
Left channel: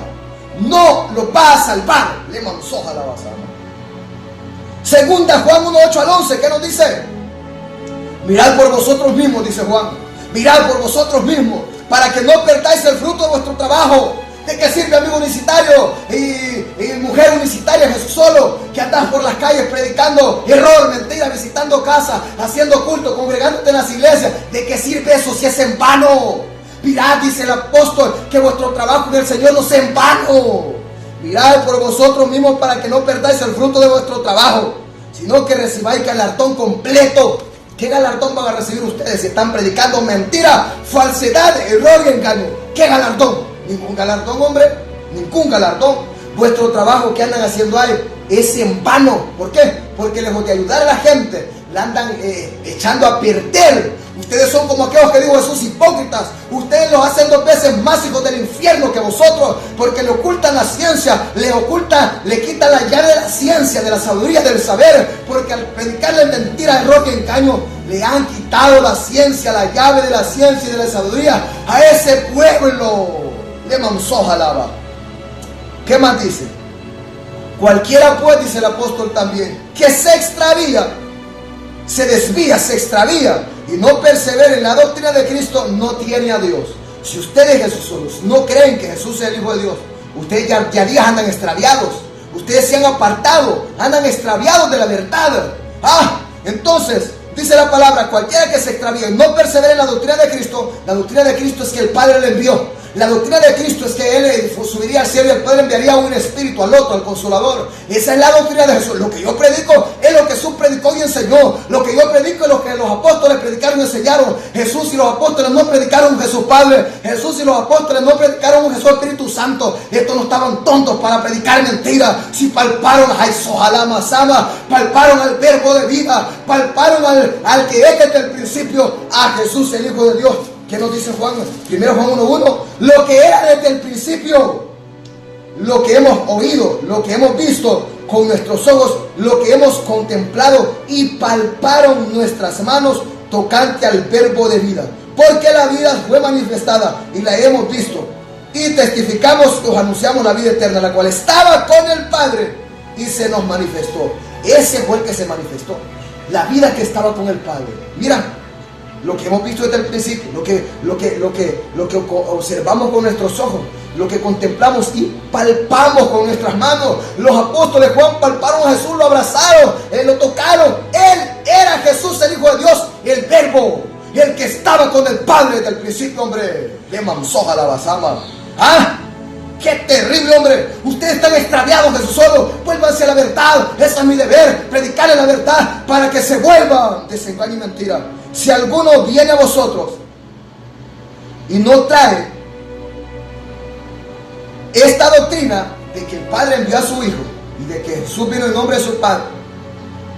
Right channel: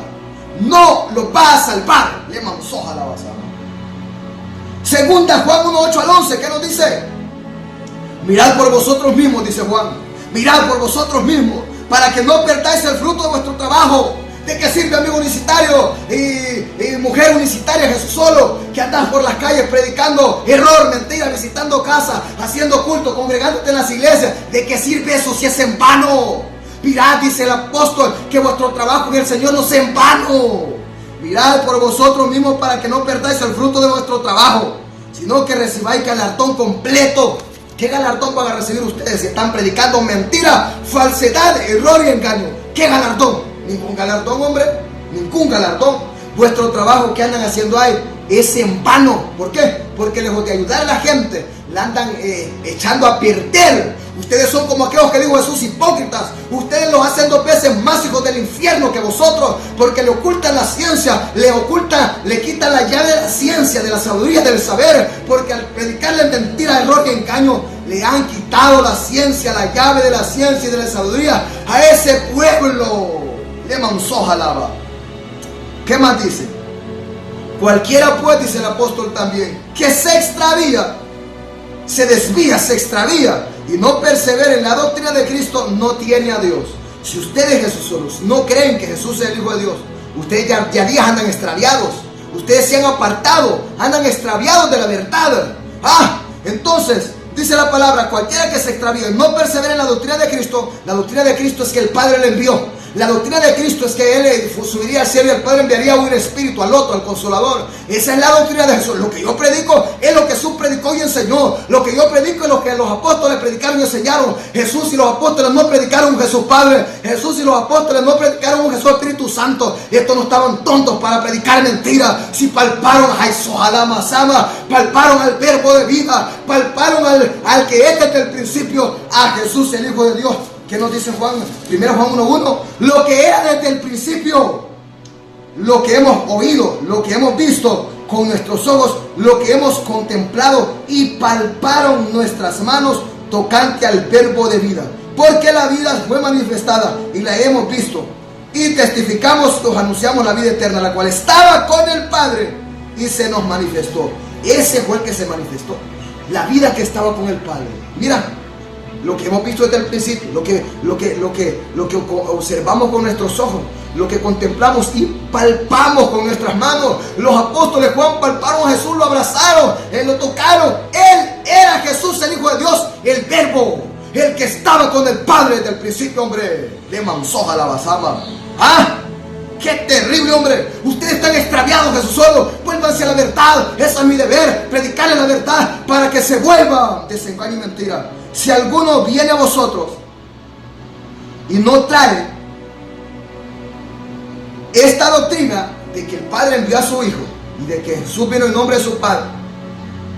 No los va a salvar. Le mansoja la basa. Segunda Juan 1:8 al 11, ¿qué nos dice? Mirad por vosotros mismos, dice Juan. Mirad por vosotros mismos, para que no perdáis el fruto de vuestro trabajo. ¿De qué sirve, amigo unicitario y mujer unicitaria, Jesús solo, que andas por las calles predicando error, mentira, visitando casas, haciendo culto, congregándote en las iglesias? ¿De qué sirve eso si es en vano? Mirad, dice el apóstol, que vuestro trabajo en el Señor no sea en vano. Mirad por vosotros mismos para que no perdáis el fruto de vuestro trabajo, sino que recibáis galardón completo. ¿Qué galardón van a recibir ustedes si están predicando mentira, falsedad, error y engaño? ¿Qué galardón? Ningún galardón, hombre, ningún galardón. Vuestro trabajo que andan haciendo ahí es en vano. ¿Por qué? Porque lejos de ayudar a la gente, la andan echando a perder. Ustedes son como aquellos que dijo Jesús, hipócritas. Ustedes los hacen 2 veces más hijos del infierno que vosotros, porque le ocultan la ciencia, le quitan la llave de la ciencia, de la sabiduría, del saber, porque al predicarle mentira, error y engaño, le han quitado la ciencia, la llave de la ciencia y de la sabiduría a ese pueblo. Le mansoja lava. ¿Qué más dice? Cualquiera pues, dice el apóstol también, que se extravía, se desvía, se extravía y no persevera en la doctrina de Cristo, no tiene a Dios. Si ustedes, Jesús solos, no creen que Jesús es el Hijo de Dios, ustedes ya días andan extraviados. Ustedes se han apartado, andan extraviados de la verdad. Entonces, Dice la palabra, cualquiera que se extravíe y no persevere en la doctrina de Cristo, la doctrina de Cristo es que el Padre le envió. La doctrina de Cristo es que Él subiría al cielo y el Padre enviaría un espíritu al otro, al Consolador. Esa es la doctrina de Jesús. Lo que yo predico es lo que Jesús predicó y enseñó. Lo que yo predico es lo que los apóstoles predicaron y enseñaron. Jesús y los apóstoles no predicaron un Jesús Padre. Jesús y los apóstoles no predicaron un Jesús Espíritu Santo. Estos no estaban tontos para predicar mentiras. Si palparon a Jesús, palparon al verbo de vida, palparon al que es desde el principio, a Jesús el Hijo de Dios. ¿Qué nos dice Juan? Primero Juan 1:1. Lo que era desde el principio, lo que hemos oído, lo que hemos visto con nuestros ojos, lo que hemos contemplado y palparon nuestras manos tocante al verbo de vida. Porque la vida fue manifestada y la hemos visto. Y testificamos que os anunciamos la vida eterna, la cual estaba con el Padre y se nos manifestó. Ese fue el que se manifestó. La vida que estaba con el Padre. Mira, lo que hemos visto desde el principio, lo que observamos con nuestros ojos, lo que contemplamos y palpamos con nuestras manos. Los apóstoles Juan palparon a Jesús, lo abrazaron, lo tocaron. Él era Jesús, el Hijo de Dios, el verbo, el que estaba con el Padre desde el principio, hombre. Le mansoja la basama. ¿Ah? ¡Qué terrible, hombre! Ustedes están extraviados, Jesús solo. Vuélvanse a la verdad. Eso es mi deber, predicarle la verdad para que se vuelva desengaño y mentira. Si alguno viene a vosotros y no trae esta doctrina de que el Padre envió a su Hijo y de que Jesús vino en nombre de su Padre,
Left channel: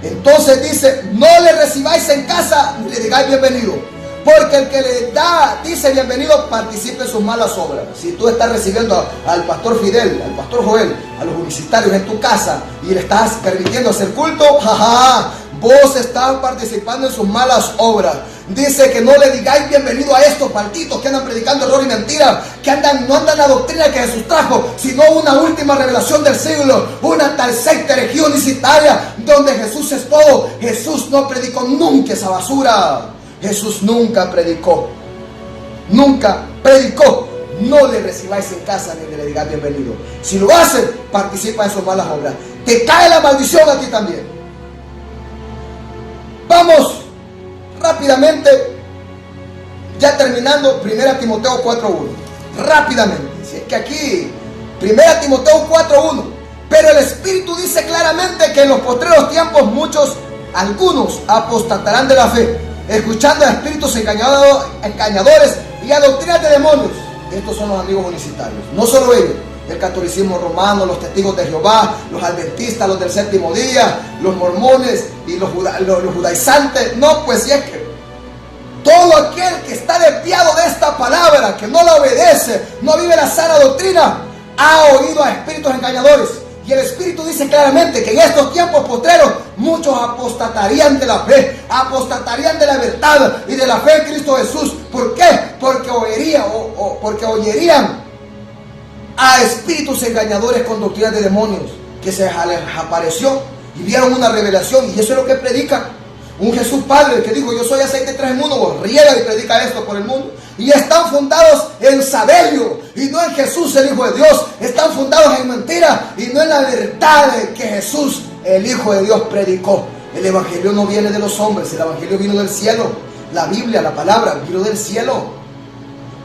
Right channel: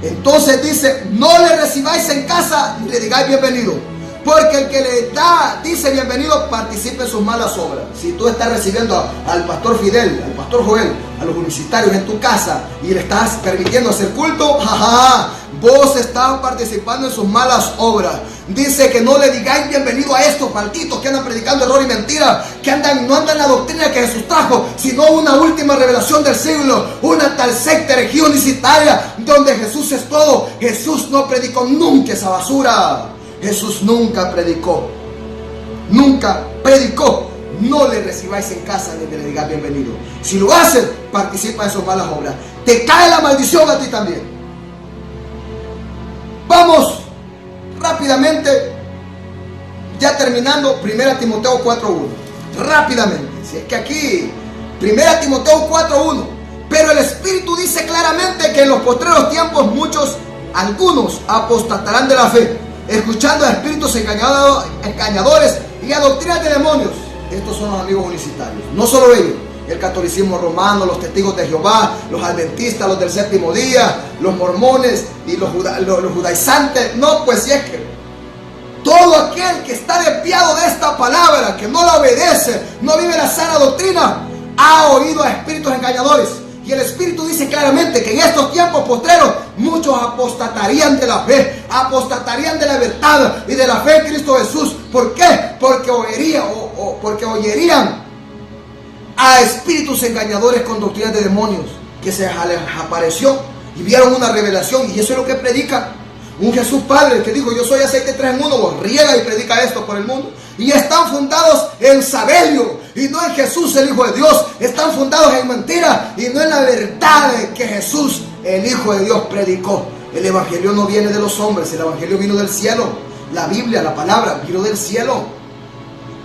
entonces dice, no le recibáis en casa ni le digáis bienvenido. Porque el que le da, dice bienvenido, participa en sus malas obras. Si tú estás recibiendo al pastor Fidel, al pastor Joel, a los universitarios en tu casa y le estás permitiendo hacer culto, jaja, vos estás participando en sus malas obras. Dice que no le digáis bienvenido a estos malditos que andan predicando error y mentira, que no andan en la doctrina que Jesús trajo, sino una última revelación del siglo, una tal secta herejía unicitaria, donde Jesús es todo. Jesús no predicó nunca esa basura. Jesús nunca predicó. Nunca predicó. No le recibáis en casa ni le digáis bienvenido. Si lo hacen, participa en sus malas obras. Te cae la maldición a ti también. Vamos rápidamente, ya terminando, 1 Timoteo 4:1. Rápidamente. Si es que aquí, 1 Timoteo 4:1. Pero el Espíritu dice claramente que en los postreros tiempos algunos apostatarán de la fe, escuchando a espíritus engañadores y a doctrinas de demonios. Estos son los amigos unicitarios. No solo ellos, el catolicismo romano, los testigos de Jehová, los adventistas, los del séptimo día, los mormones y los judaizantes. No, pues si es que todo aquel que está desviado de esta palabra, que no la obedece, no vive la sana doctrina, ha oído a espíritus engañadores. Y el Espíritu dice claramente que en estos tiempos postreros muchos apostatarían de la fe, apostatarían de la verdad y de la fe en Cristo Jesús. ¿Por qué? Porque oyerían a espíritus engañadores con doctrinas de demonios, que se les apareció y vieron una revelación, y eso es lo que predican. Un Jesús Padre que dijo, yo soy aceite 3 en 1, vos riega y predica esto por el mundo. Y están fundados en Sabelio y no en Jesús el Hijo de Dios. Están fundados en mentira y no en la verdad que Jesús el Hijo de Dios predicó. El Evangelio no viene de los hombres, el Evangelio vino del cielo. La Biblia, la palabra, vino del cielo.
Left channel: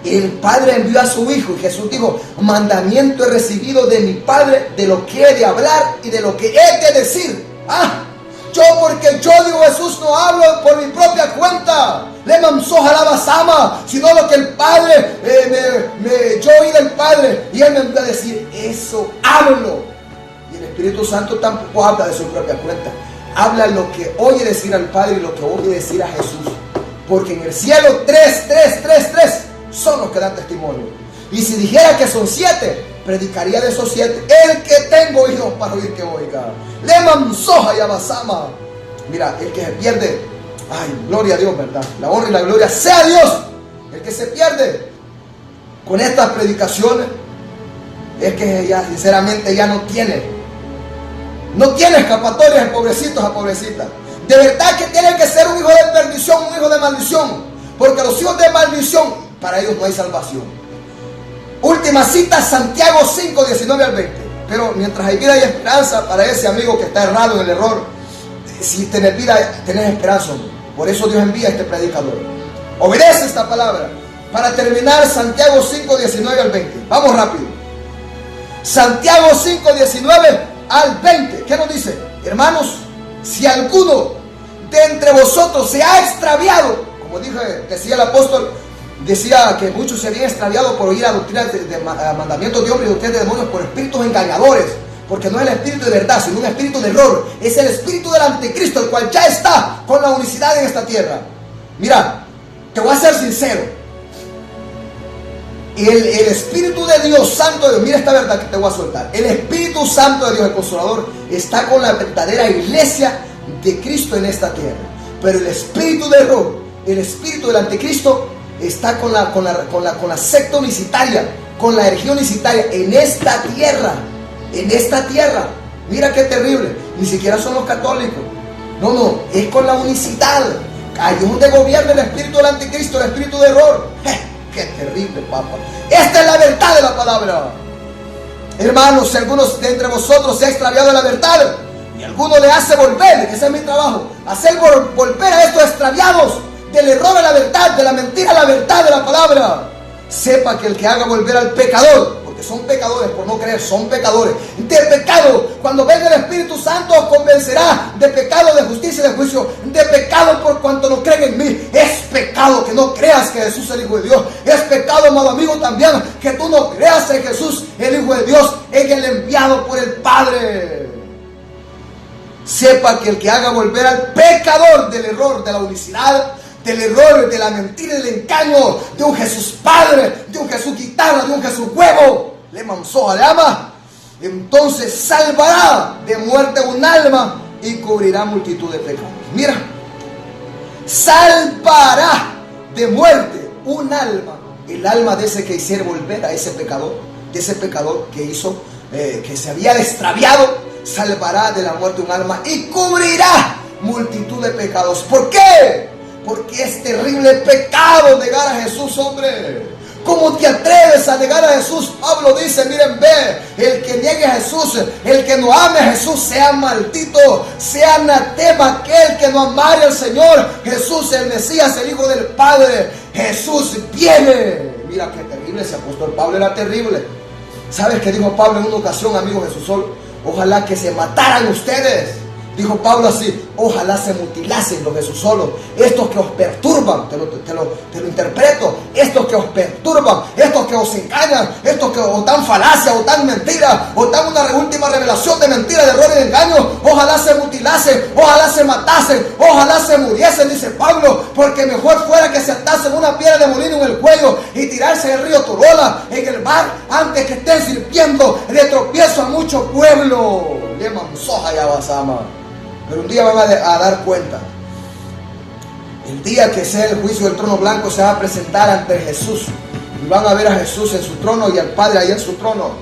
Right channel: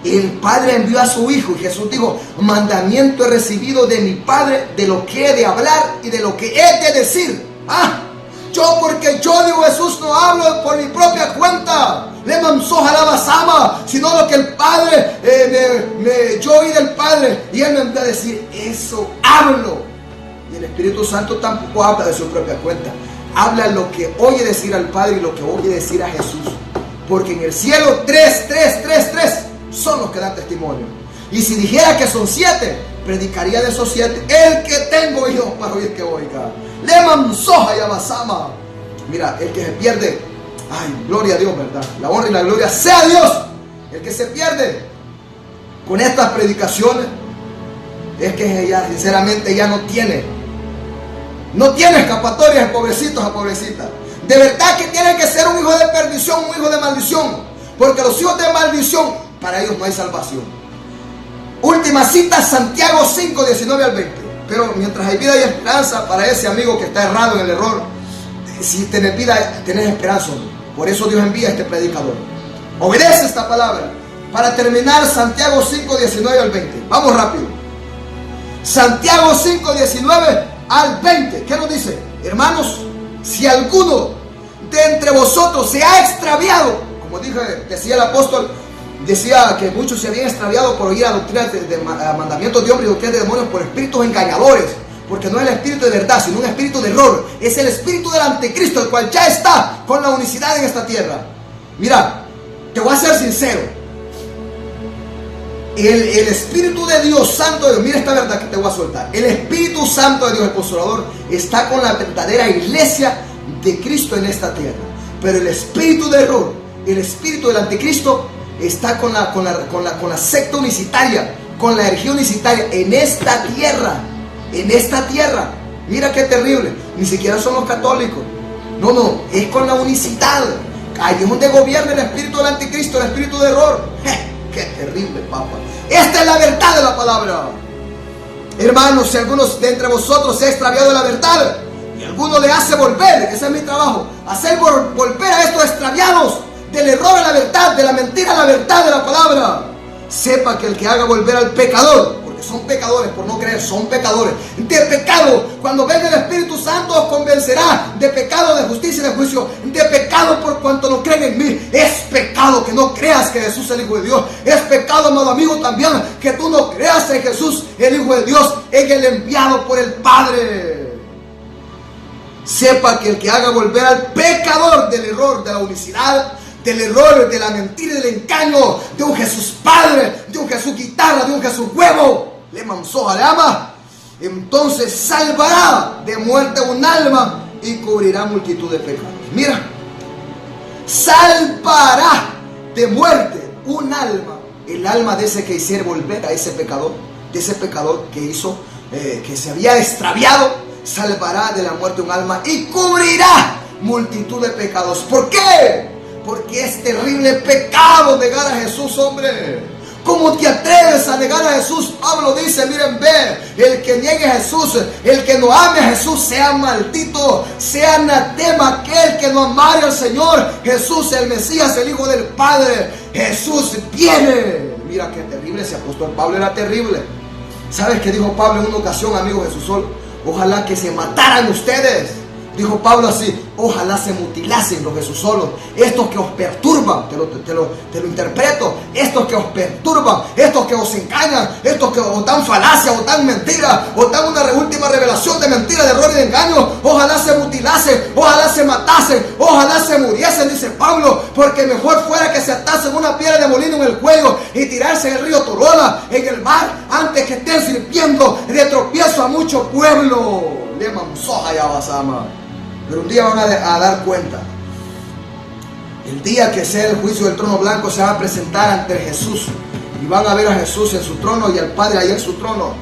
El Padre envió a su Hijo y Jesús dijo, mandamiento he recibido de mi Padre, de lo que he de hablar y de lo que he de decir. Porque yo digo, Jesús, no hablo por mi propia cuenta, le mansoja la basama, sino lo que el Padre, yo oí del Padre, y Él me envió a decir, eso hablo. Y el Espíritu Santo tampoco habla de su propia cuenta, habla lo que oye decir al Padre y lo que oye decir a Jesús. Porque en el cielo 3 son los que dan testimonio. Y si dijera que son 7, predicaría de esos 7, el que tengo oídos para oír que oiga. Le mansoja y amasama. Mira, el que se pierde, ay, gloria a Dios, ¿verdad? La honra y la gloria sea a Dios. El que se pierde con estas predicaciones es que ella, sinceramente, ya no tiene escapatoria de pobrecitos a pobrecitas. De verdad que tiene que ser un hijo de perdición, un hijo de maldición, porque los hijos de maldición, para ellos no hay salvación. Última cita, Santiago 5, 19 al 20. Pero mientras hay vida y esperanza para ese amigo que está errado en el error, si tenés vida, tenés esperanza. Por eso Dios envía a este predicador. Obedece esta palabra. Para terminar, Santiago 5, 19 al 20. Vamos rápido. Santiago 5, 19 al 20. ¿Qué nos dice? Hermanos, si alguno de entre vosotros se ha extraviado, como decía el apóstol, decía que muchos se habían extraviado por oír a doctrinas de mandamientos de hombres y doctrinas de demonios por espíritus engañadores, porque no es el espíritu de verdad, sino un espíritu de error. Es el espíritu del anticristo, el cual ya está con la unicidad en esta tierra. Mira, te voy a ser sincero. El Espíritu de Dios, Santo de Dios, mira esta verdad que te voy a soltar. El Espíritu Santo de Dios, el Consolador, está con la verdadera iglesia de Cristo en esta tierra. Pero el espíritu de error, el espíritu del anticristo, está con la secta unicitaria, con la herejía unicitaria en esta tierra. En esta tierra. Mira qué terrible. Ni siquiera son los católicos. No, es con la unicidad. Ahí es donde gobierna el espíritu del anticristo, el espíritu de error. Qué terrible, papá. Esta es la verdad de la palabra. Hermanos, si algunos de entre vosotros se ha extraviado de la verdad y alguno le hace volver, ese es mi trabajo, hacer volver a estos extraviados del error a la verdad, de la mentira a la verdad de la palabra, sepa que el que haga volver al pecador, porque son pecadores por no creer, son pecadores de pecado, cuando venga el Espíritu Santo os convencerá de pecado, de justicia y de juicio, de pecado por cuanto no creen en mí. Es pecado que no creas que Jesús es el Hijo de Dios. Es pecado, amado amigo, también que tú no creas en Jesús, el Hijo de Dios, en el enviado por el Padre. Sepa que el que haga volver al pecador del error, de la unicidad, del error, de la mentira y del engaño, de un Jesús Padre, de un Jesús guitarra, de un Jesús huevo, le manzó al alma, entonces salvará de muerte un alma y cubrirá multitud de pecados. Mira, salvará de muerte un alma, el alma de ese que hiciera volver a ese pecador, de ese pecador que hizo, que se había extraviado, salvará de la muerte un alma y cubrirá multitud de pecados. ¿Por qué? Porque es terrible pecado negar a Jesús, hombre. ¿Cómo te atreves a negar a Jesús? Pablo dice, miren, el que niegue a Jesús, el que no ame a Jesús, sea maldito, sea anatema aquel que no amare al Señor Jesús, el Mesías, el Hijo del Padre. Jesús viene. Mira qué terrible, ese apóstol Pablo era terrible. ¿Sabes qué dijo Pablo en una ocasión, amigo Jesús Sol? Ojalá que se mataran ustedes. Dijo Pablo así, ojalá se mutilasen los Jesús solos, estos que os perturban, te lo interpreto, estos que os perturban, estos que os engañan, estos que os dan falacia, o dan mentira, o dan una última revelación de mentira, de error y de engaño, ojalá se mutilasen, ojalá se matasen, ojalá se muriesen, dice Pablo, porque mejor fuera que se atasen una piedra de molino en el cuello y tirarse en el río Torola, en el mar, antes que estén sirviendo de tropiezo a mucho pueblo. Le manzoja ya basama. Pero un día van a dar cuenta. El día que sea el juicio del trono blanco, se van a presentar ante Jesús y van a ver a Jesús en su trono y al Padre ahí en su trono.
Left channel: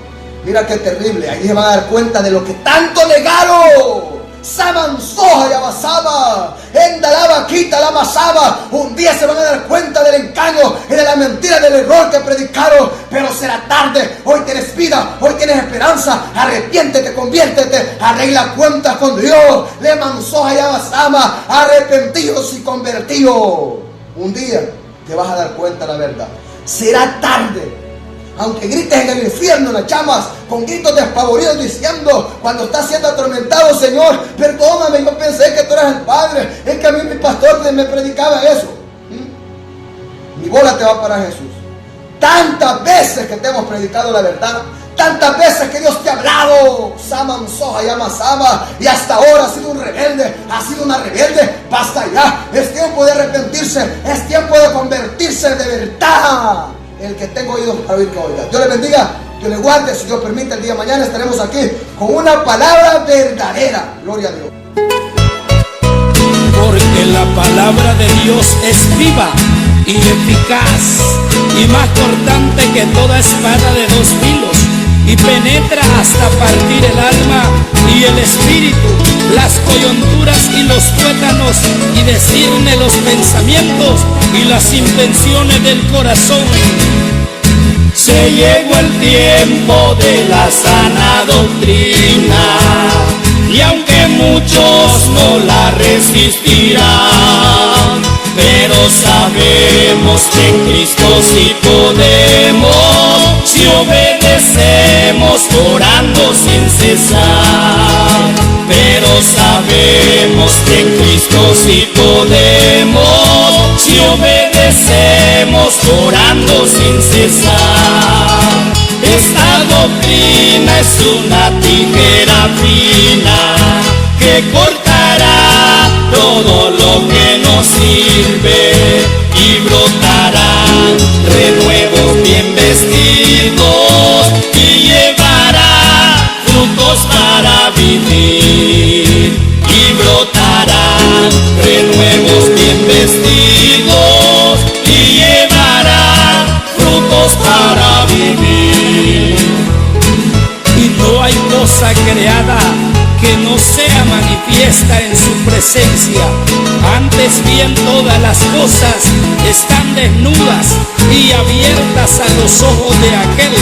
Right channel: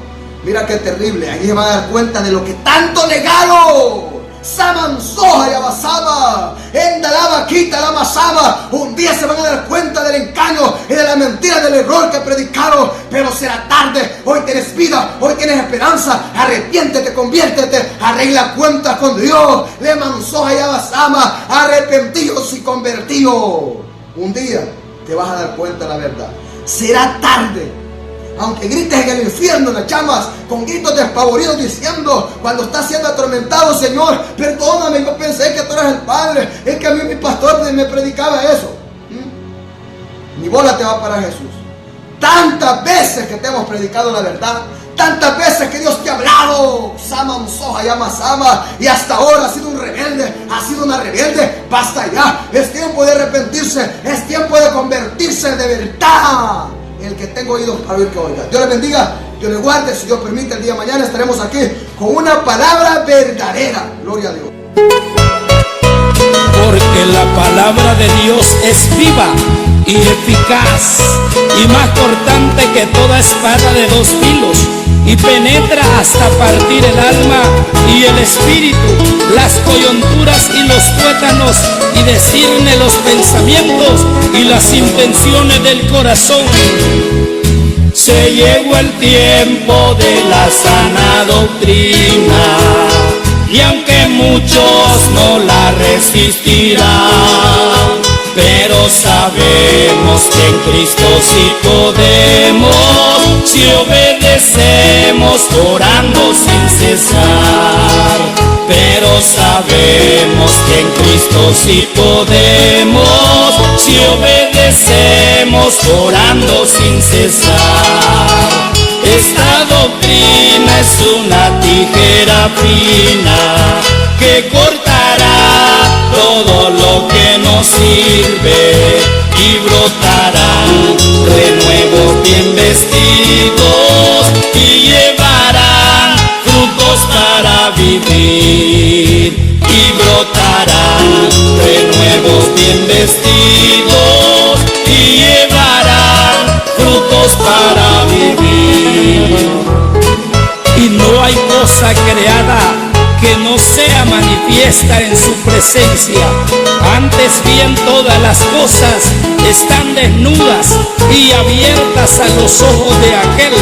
Mira qué terrible. Allí se van a dar cuenta de lo que tanto negaron. Samanzoja y abasaba, endalaba, quita la masaba. Un día se van a dar cuenta del engaño y de la mentira, del error que predicaron. Pero será tarde. Hoy tienes vida, hoy tienes esperanza. Arrepiéntete, conviértete, arregla cuentas con Dios. Le manzoja y abasaba, arrepentidos y convertidos. Un día te vas a dar cuenta de la verdad. Será tarde. Aunque grites en el infierno, en las llamas, con gritos despavoridos diciendo, cuando estás siendo atormentado, Señor, perdóname, yo pensé que tú eras el Padre, es que a mí mi pastor me predicaba eso. Ni bola te va a parar Jesús. Tantas veces que te hemos predicado la verdad, tantas veces que Dios te ha hablado, Sama Soja llama Sama, y hasta ahora has sido un rebelde, has sido una rebelde. Basta ya, es tiempo de arrepentirse, es tiempo de convertirse de verdad. El que tenga oídos para oír, que oiga. Dios le bendiga, Dios le guarde. Si Dios permite, el día de mañana estaremos aquí con una palabra verdadera. Gloria a Dios. Porque la palabra de Dios es viva y eficaz y más cortante que toda espada de dos filos, y penetra hasta partir el alma y el espíritu, las coyunturas y los tuétanos, y discierne los pensamientos y las intenciones del corazón. Se llegó el tiempo de la sana doctrina, y aunque muchos no la resistirán, pero sabemos que en Cristo sí podemos, si obedecemos orando sin cesar. Pero sabemos que en Cristo sí podemos, si obedecemos orando sin cesar. Esta doctrina es una tijera fina que cortará todo lo que nos sirve y brotará renuevos bien vestidos y llevará frutos para vivir. Y brotará renuevos bien vestidos y llevará frutos para vivir. Y no hay cosa creada que no sea manifiesta en su presencia. Antes bien todas las cosas están desnudas y abiertas a los ojos de aquel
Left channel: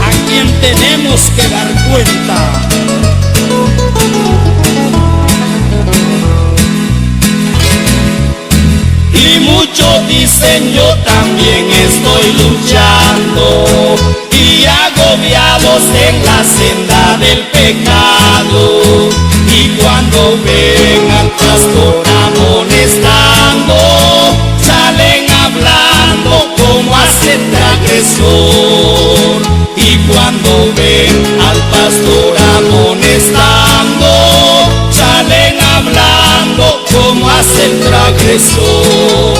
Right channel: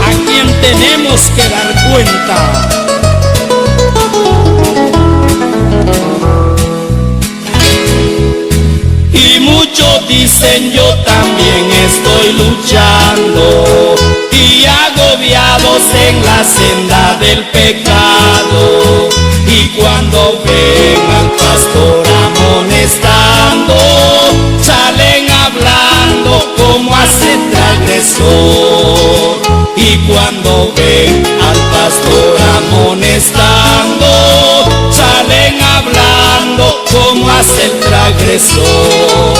a quien tenemos que dar cuenta. Y muchos dicen yo también estoy luchando y agobiados en la senda del pecado. Y cuando ven al pastor amonestando, salen hablando como hace transgresor. Y cuando ven al pastor amonestando, salen hablando como hace el transgresor.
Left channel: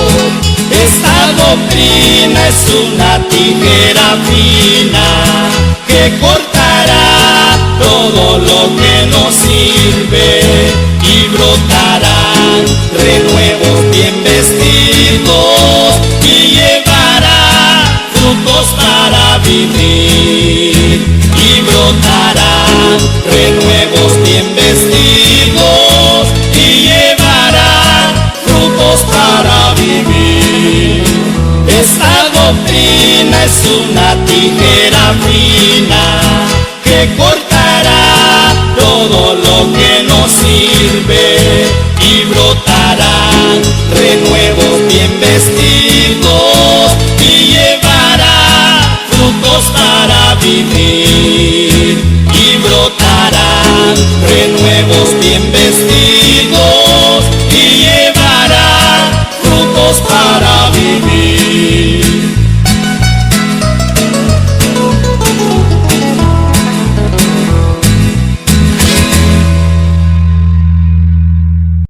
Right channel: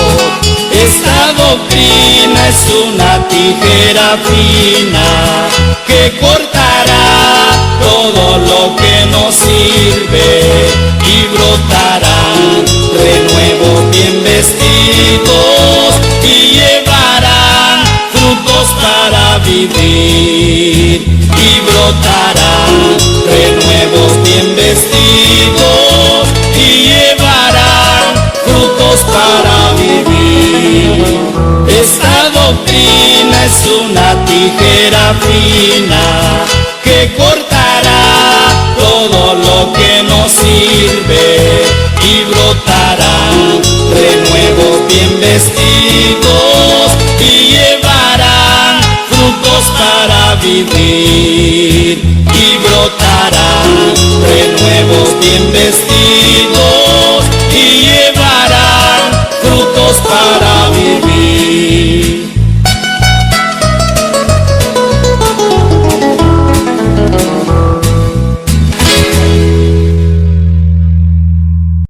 Esta doctrina es una tijera fina que cortará todo lo que nos sirve y brotará renuevos bien vestidos y llevará frutos para vivir. Y brotará renuevos bien vestidos y llevará frutos para vivir. Esta doctrina es una tijera fina que cortará todo lo que nos sirve y brotará renuevos bien vestidos y llevará frutos para vivir. Y brotará renuevos bien vestidos